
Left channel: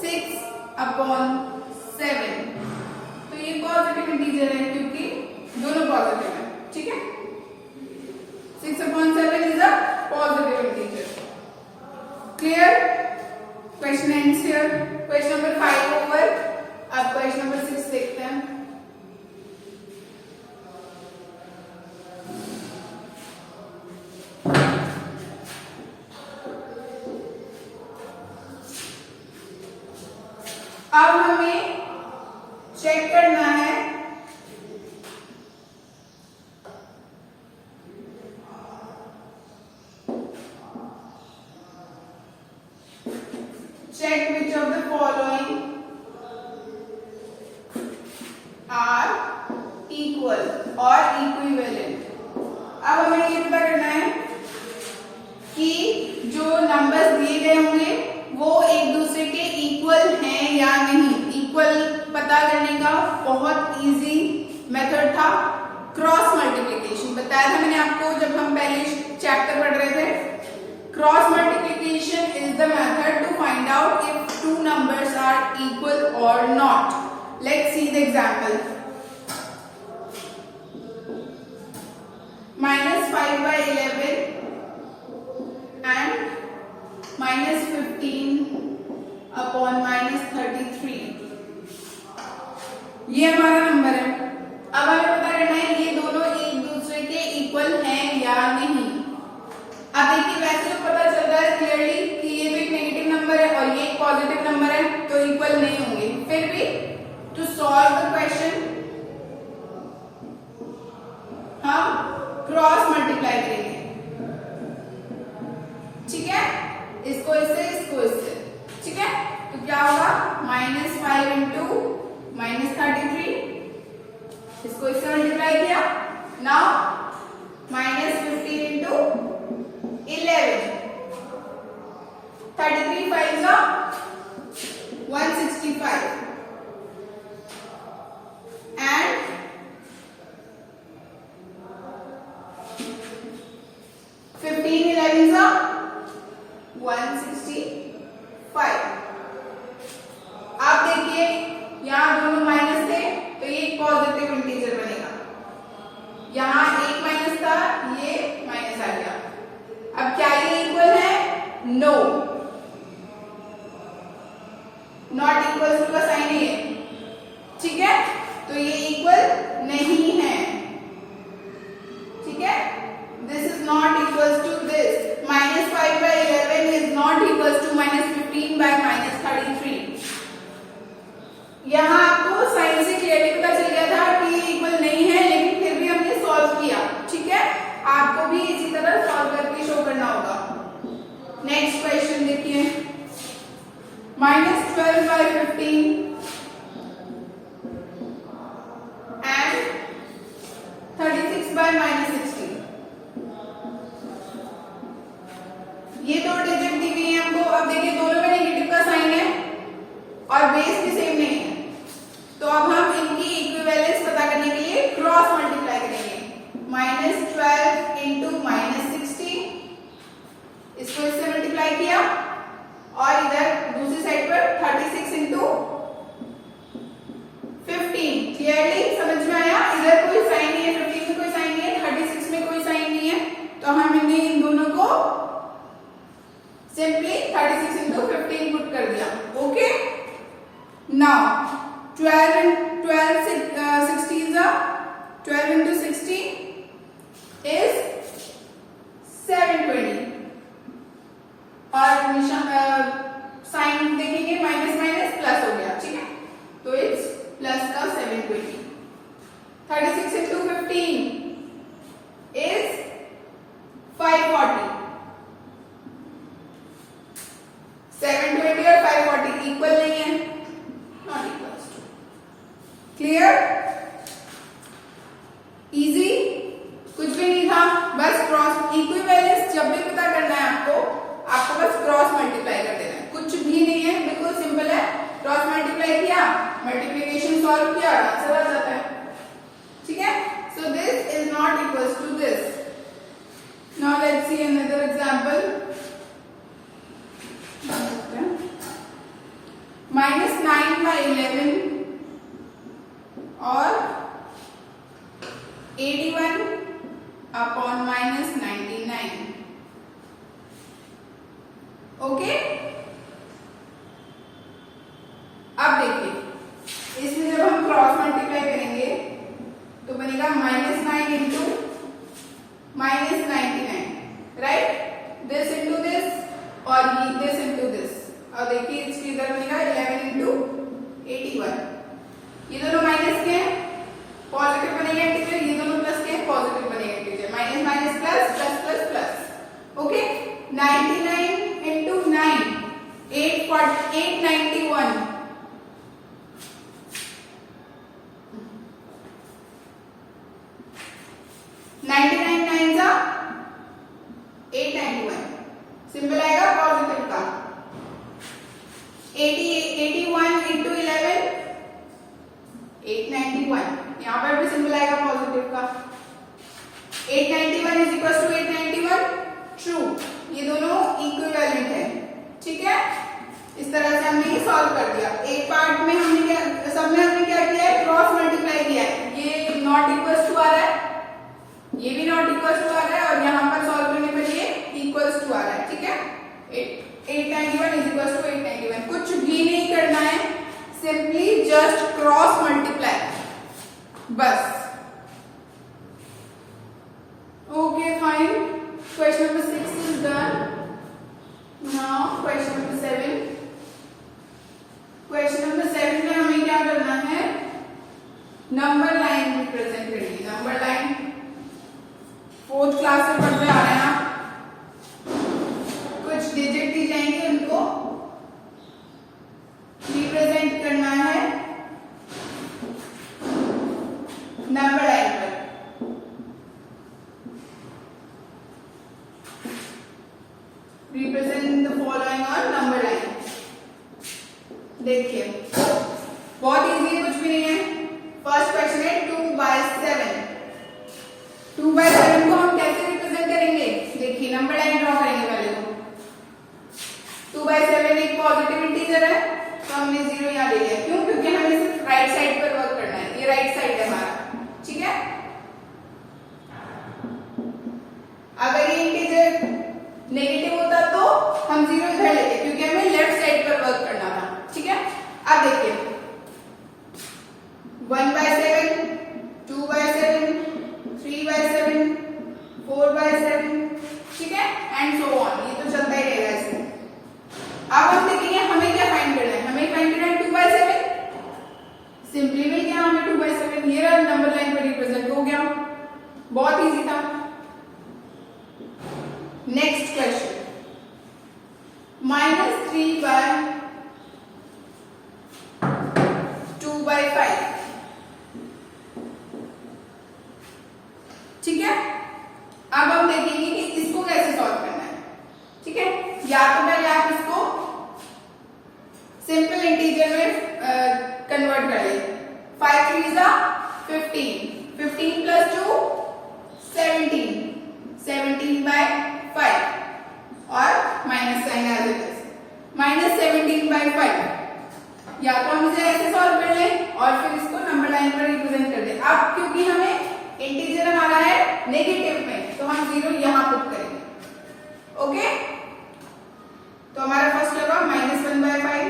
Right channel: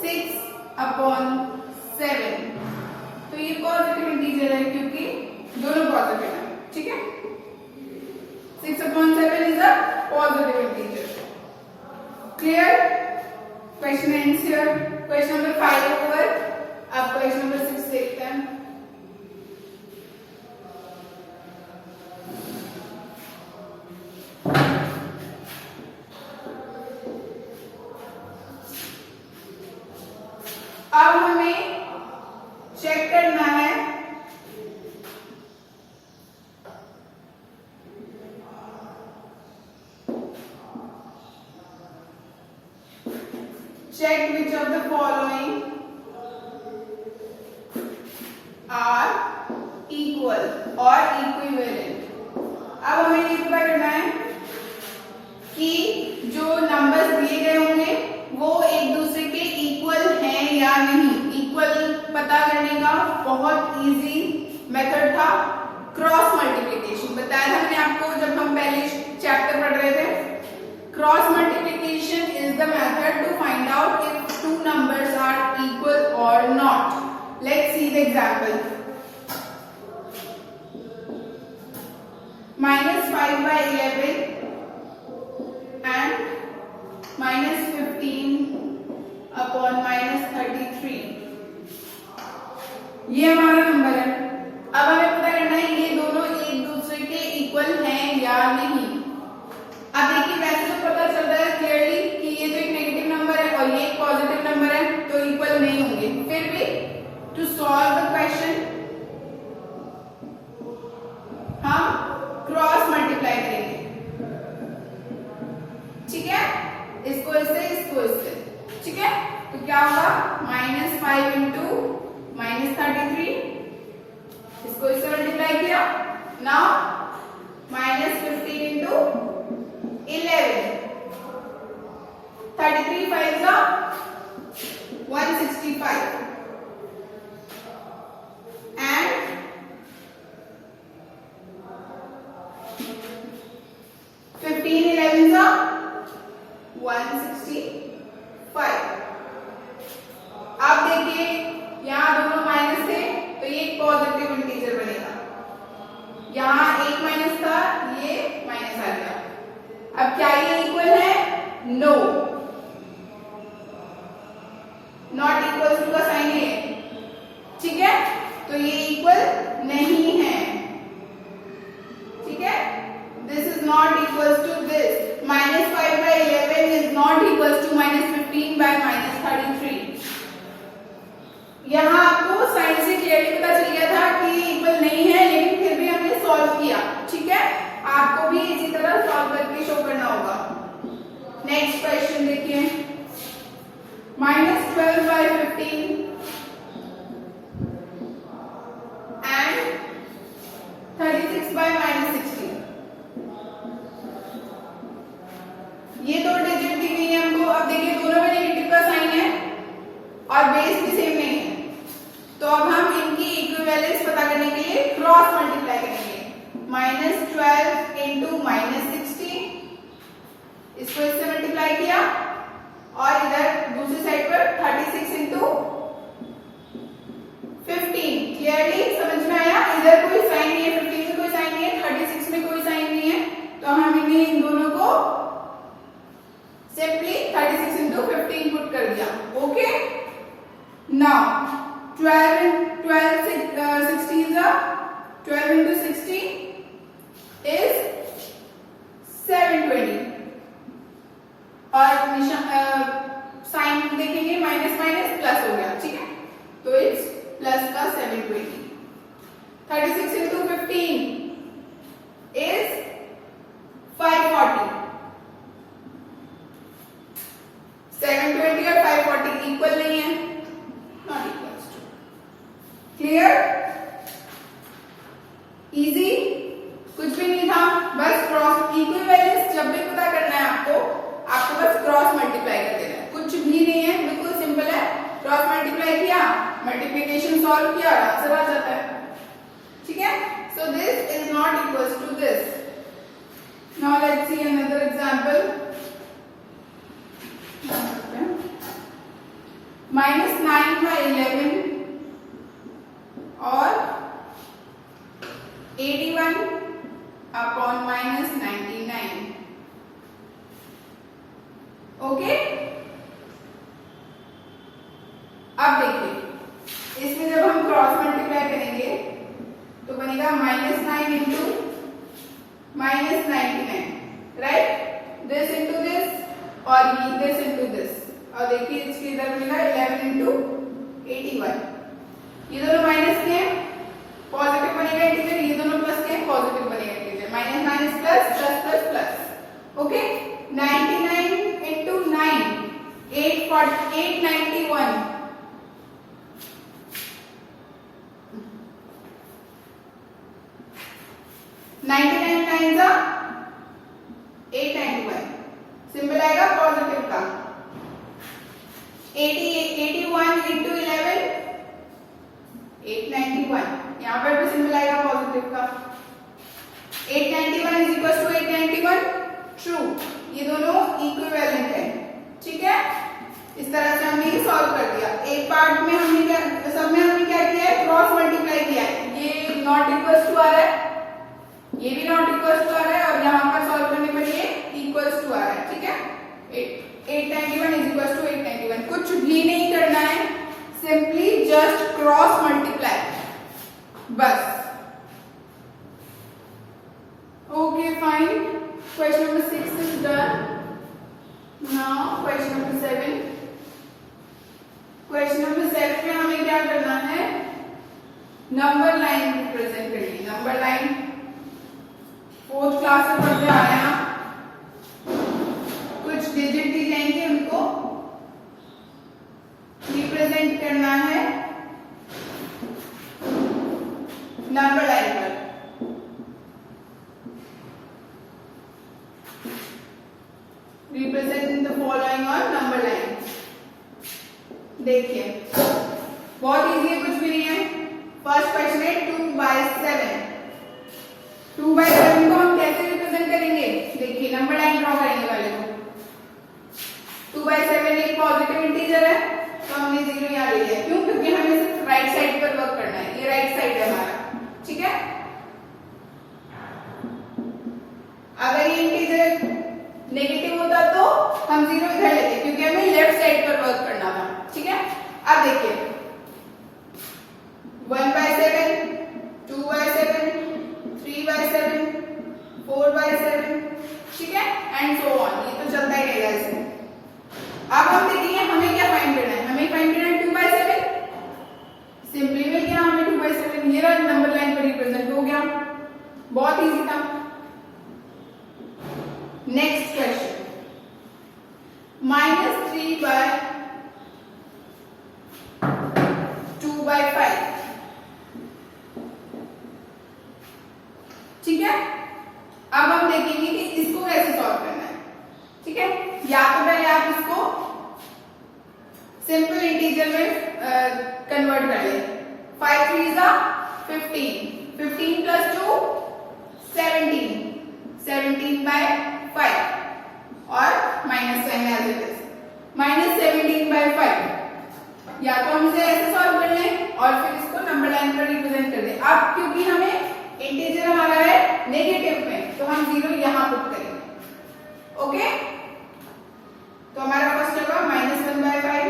6/7, तो ये पॉजिटिव इंटीजर है क्योंकि दोनों पॉजिटिव है, ठीक है? 6/7 is a positive integer. Clear? Question ends here. Question number 5 over. अब क्वेश्चन नंबर 6 देखते हैं। अब हमें चेक करना है check which of the following are equal or equivalent। अब हमें ये पता करना है कि जो नंबर्स दिए गए होंगे वो एक दूसरे के इक्वल हैं या नहीं। इक्वल पता करने का बहुत इजी मेथड था क्रॉस मल्टीप्लिकेशन। बताया था मैंने आपको जब हम पहले चैप्टर पढ़ रहे थे। Cross multiplication is the method to find out if two numbers are equal और not. Let's see the example. -5/11 and -15/-33, ये हमारा नंबर है। इसको इससे, ठीक है। तो क्या होगा -5 इंटू -33, इसको इससे मल्टीप्लाई किया। Now -15 into 11, 33 5 165 and 15 11 165। आप देखिए यहाँ दोनों माइनस थे तो ये एक पॉजिटिव इंटीजर बनेगा, यहाँ एक माइनस था ये माइनस आ गया। अब क्या ये इक्वल है? नो, नॉट इक्वल टू का साइन है, ठीक है। तो ये इक्वल नहीं है, ठीक है। This is not equal to this. -5 by 11 is not equal to -15 by -33। यहाँ आपको साइन से क्लियरली पता चल गया था कि ये इक्वल नहीं है, लेकिन फिर भी हमने सॉल्व किया, ठीक है। आपको भी इसी तरह सॉल्व करके शो करना होगा। नेक्स्ट क्वेश्चन देखिए, -12 by 15 and 36 by -16। ये दो डिजिट दी गई है हमको। अब देखिए दोनों में नेगेटिव का साइन है और बेस भी सेम नहीं है, तो अब हम इनकी इक्विवेलेंस पता करने के लिए क्रॉस मल्टीप्लाई करेंगे। -12 इंटू -16, इसको इससे मल्टीप्लाई किया और इधर दूसरी साइड पर 36 इंटू 15। क्लियरली समझ में आया? इधर कोई साइन नहीं है, 15 में कोई साइन नहीं है, 36 में कोई साइन नहीं है, तो हमने इन दोनों को सिंपली 36 इंटू 15 पुट कर दिया। ओके, नाउ 12 into 60 is 720 और साइन देखेंगे माइनस माइनस प्लस हो गया, ठीक है। तो इट्स प्लस का 720। 36 into 15 is 540। 720 और 540 इक्वल नहीं है, नॉट इक्वल। क्लियर? इजी, कुछ भी नहीं था, बस क्रॉस इक्विवेलेंस जब भी पता करना है आपको बस क्रॉस मल्टीप्लाई कर देना है, कुछ भी नहीं है, बिल्कुल सिंपल है। क्रॉस मल्टीप्लाई किया, मल्टीप्लिकेशन सॉल्व किया, आंसर आ जाता है, ठीक है। So this is not equals to this. Now let's see another example. -9 by 11 और 81 upon -99। ओके, अब देखिए इसमें जब हम क्रॉस मल्टीप्लाई करेंगे तो बनेगा -9 into -99, right. This into this और दिस इंटू दिस, और देखिए इसके इधर बनेगा 11 इंटू 81। ये दोनों माइनस के हैं, पॉजिटिव बनेगा इंटीजर, ये दोनों प्लस के हैं, पॉजिटिव बनेगा integer. Minus minus plus, plus plus plus. Okay, 99 into 9 891। 99 9 जा 891, सिंपल आएगा पॉजिटिव का। 81 इंटू 11 891, यहाँ पर भी सिंपल आएगा पॉजिटिव का। 891 इज इक्वल टू 891 ट्रू, ये दोनों इक्विवेलेंट है, ठीक है। इस तरह से हमने ये सॉल्व कर दिया। एक पार्ट में हमने सब में हमने क्या किया है, क्रॉस मल्टीप्लाई किया है। ये नॉट इक्वल्स टू आ रहा है, ये भी नॉट इक्वल्स टू आ रहा है, और यहाँ पर सॉल्व करने पर ये इक्वल्स टू आ रहा है, ठीक है। 891 इज इक्वल टू 891, कुछ भी नहीं करना है, सिंपली जस्ट क्रॉस मल्टीप्लाई, बस। Okay fine, question number 6 is done. Now question number 7। Question number 7 में हमें क्या करना है, नंबर लाइन रिप्रेजेंट करनी है। नंबर लाइन 4th क्लास में पढ़ते आ रहे हैं आप, कुछ डिजिट दी जाएंगे फॉलोइंग ऑन नंबर लाइन। देखिए बहुत इजी है, कुछ भी नहीं है। फर्स्ट क्वेश्चन है 2/7। 2/7 को हम कैसे रिप्रेजेंट करेंगे? देखिए नंबर लाइन ड्रॉ करेंगे पहले तो। 2/7 एक पॉजिटिव इंटीजर है तो हमने 0 यहाँ ले लिया। क्यों? क्योंकि हमें सिर्फ राइट साइड पर वर्क करना है, ये राइट साइड है हमारा, ठीक है। अगर ये इंटीजर नेगेटिव होता तो हम 0 इधर लेते, क्योंकि हमें लेफ्ट साइड पर वर्क करना था, ठीक है। अब देखिए 1/7, 2/7, 3/7, 4/7, ठीक है, एंड सो ऑन, ये तो चलता ही रहेगा इसमें। अब हम देखेंगे हमें क्या फाइंड करना है। हमें फाइंड करना है 2/7। सिंपली में क्या, हमें 2/7 ये नंबर लाइन पर रिप्रेजेंट हो गया, बहुत इजी था। नेक्स्ट क्वेश्चन -3/2/5, ठीक है। अब हम देखेंगे कि इसको कैसे सॉल्व करना है, ठीक है। या तो पहले आप इसको सिंपल इंटीजर में कन्वर्ट कर ले। 5 3 15, 15 + 2 17, 17/5 और minus sign as it is, -17/5। या तो हम इसे ऐसे सॉल्व कर लें और फिर इसको नंबर लाइन पर रिप्रेजेंट कर दें। अब क्योंकि हमें इंटीजर हमारा है नेगेटिव में, तो हम 0 यहां पुट करेंगे, ओके। तो हमारा फर्स्ट होगा -1/5,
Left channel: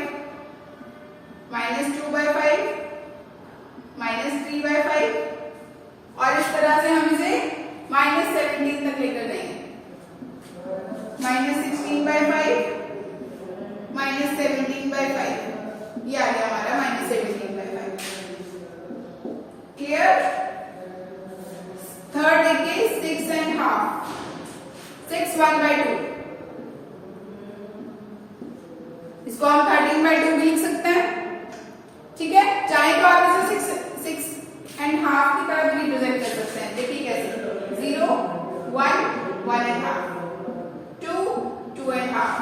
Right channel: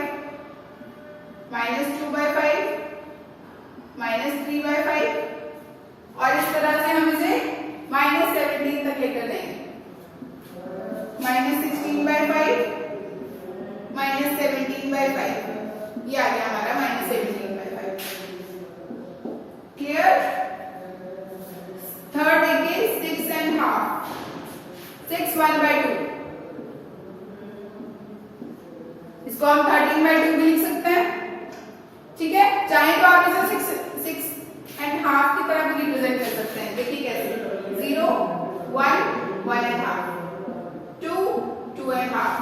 -2/5, -3/5 और इस तरह से हम इसे -17 तक लेकर जाएंगे। -16/5, -17/5, ये आ गया हमारा -17/5। क्लियर? थर्ड देखिए 6.5, 6 1/2, इसको हम 13/2 भी लिख सकते हैं, ठीक है। चाहे तो आप इसे 6.5 की तरह भी रिप्रेजेंट कर सकते हैं। देखिए कैसे, 0 1 1.5, 2 2.5,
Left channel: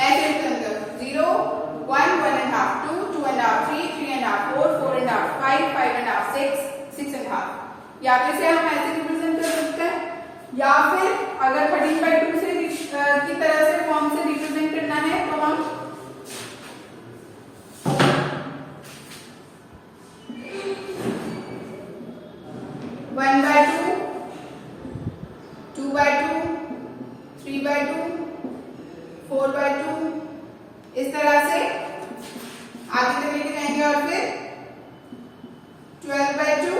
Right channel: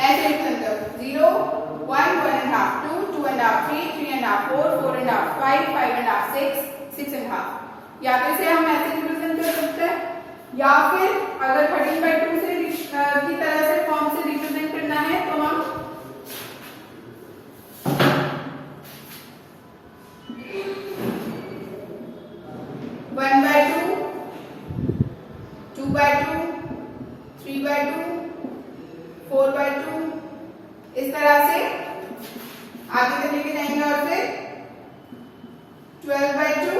ऐसे रिप्रेजेंट करो। 0 1 1.5, 2 2.5, 3 3.5, 4 4.5, 5 5.5, 6 6.5। या तो इसे हम ऐसे रिप्रेजेंट कर सकते हैं, या फिर अगर 13/2 से की तरह से फॉर्म से रिप्रेजेंट करना है तो हम 1/2, 2/2, 3/2, 4/2 इस तरह से आगे तक लेके जाएंगे और फिर 12/2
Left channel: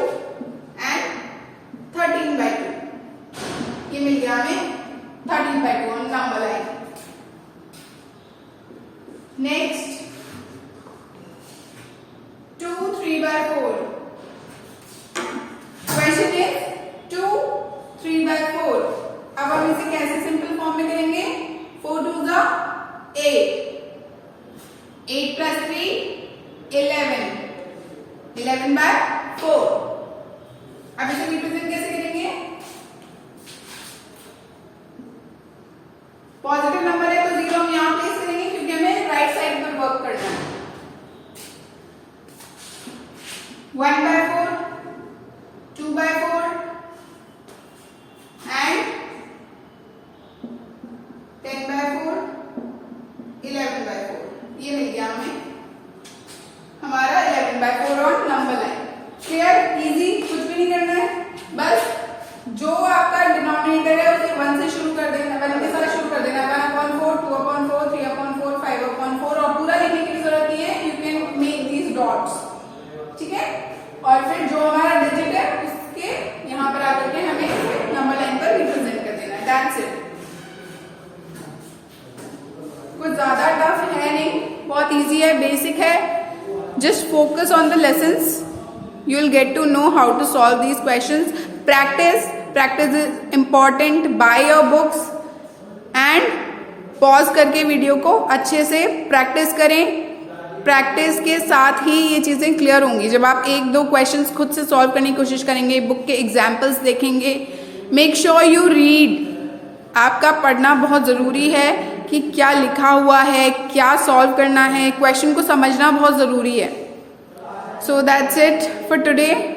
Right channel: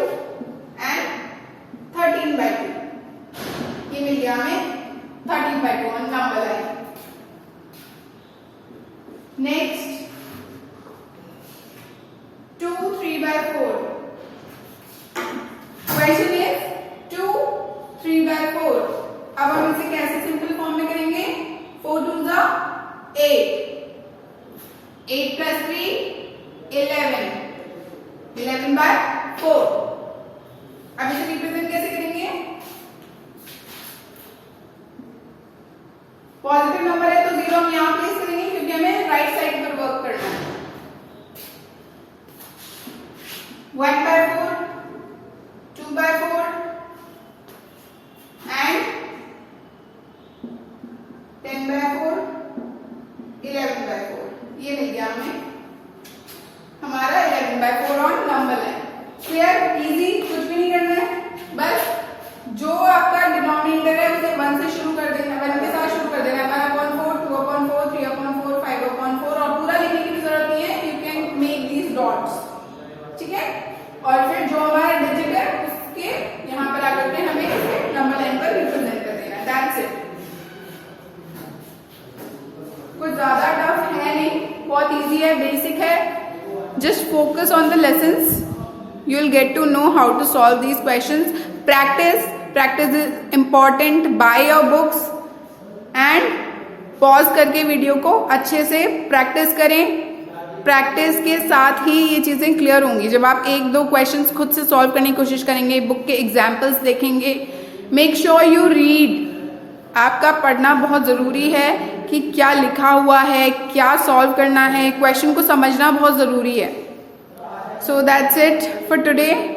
एंड 13/2, ये मिल गया हमें 13/2 on number line. Next 2 3/4। Question is 2 3/4। अब हम इसे कैसे सिंपल फॉर्म में करेंगे? 4 2 8, 8 + 3 11, 11/4। अब इसे रिप्रेजेंट कैसे करेंगे? पॉजिटिव नंबर है तो 0 हम यहां प्लेस करेंगे, क्योंकि हमें राइट साइड पर वर्क करना है। 1/4, 2/4 एंड 10/4, 11/4, ये मिल गया हमें हमारा 11/4 on number line. Clear? Easy, कुछ भी नहीं करना है, बस जो आपका डिनोमिनेटर है उसे 1 से शुरू कर देना, 1 के साथ शुरू कर देना है। 1/4, 2/4, 3/4, 5/4 और पूरा लिखने की जरूरत नहीं है, you can make these dots, ठीक है। और फिर जो हमारा डिजिट है उसके यहाँ पर आकर के हमें नंबर लाइन पर रिप्रेजेंट कर देना, दैट्स इट। कुछ ज्यादा टफ है नहीं, बहुत इजी है, बेसिक है। Just focus on the lessons, you will get to know how to solve these questions. Practice is important. Buy your books and pause करके वीडियो को अच्छे से प्रैक्टिस करें। प्रैक्टिस के साथ ही ये चीजें क्लियर होंगी। जब आप 1-2 क्वेश्चंस खुद से सॉल्व करने की कोशिश करेंगे, बुक के एग्जाम्पल्स देखेंगे, मेक श्योर यू रीड। आपका पढ़ना बहुत जरूरी है। कि क्या लिखा हुआ है, क्या सॉल्व करना है, क्वेश्चन को समझना बहुत ज़रूरी है. So that's it for today.